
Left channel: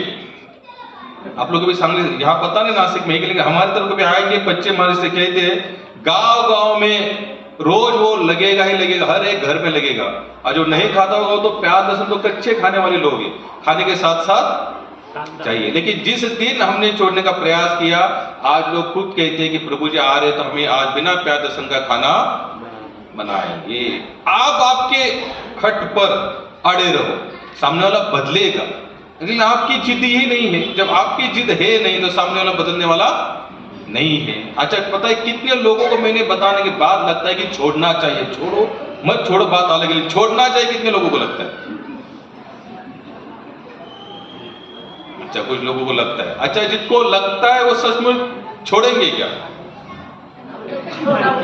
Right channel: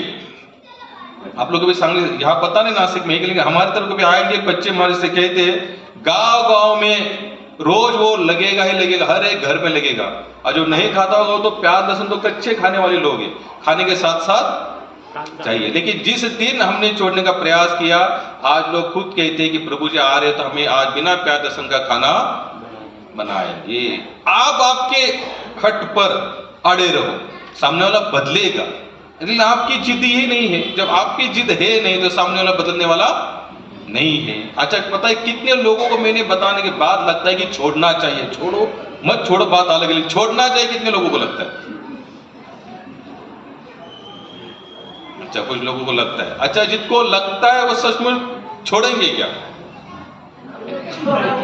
आप लोग भी सांगली, यहाँ पता नहीं नासिक में, लेकिन हमारे तरफ भी आएंगे पश्चिम महाराष्ट्र से, कहते हैं गांव गांव में रोज वो लगेगा ही लगेगा, हर एक घर में लगेगा। और जो नहीं खाता होगा तो प्याज लहसुन तो कच्चे खाने वाले लोग हैं, खाने के साथ साथ चाहिए। लेकिन जिस दिन हमने छोड़ने का प्रयास किया, आज लोग खुद कहते हैं कि प्रभु जी आ रहे तो हमें आज बिना प्याज लहसुन का खाना बनाएंगे। आप आपके हट पर अड़े रहो, सामने वाला बदलेगा, लेकिन आपकी जिद ही नहीं है। जब आपकी जिद है नहीं तो सामने वाला बदलने वाला नहीं है। अच्छा, पता है कितने लोगों को मैंने बताने के बाद लगता है कि छोड़ना चाहिए, छोड़ो मत छोड़ो बात अलग है, छोड़ना चाहिए कितने लोगों को लगता है? अच्छा, कुछ लोगों को लगता है। अच्छा, जिसको लगता है वो सचमुच छोड़ेंगे क्या?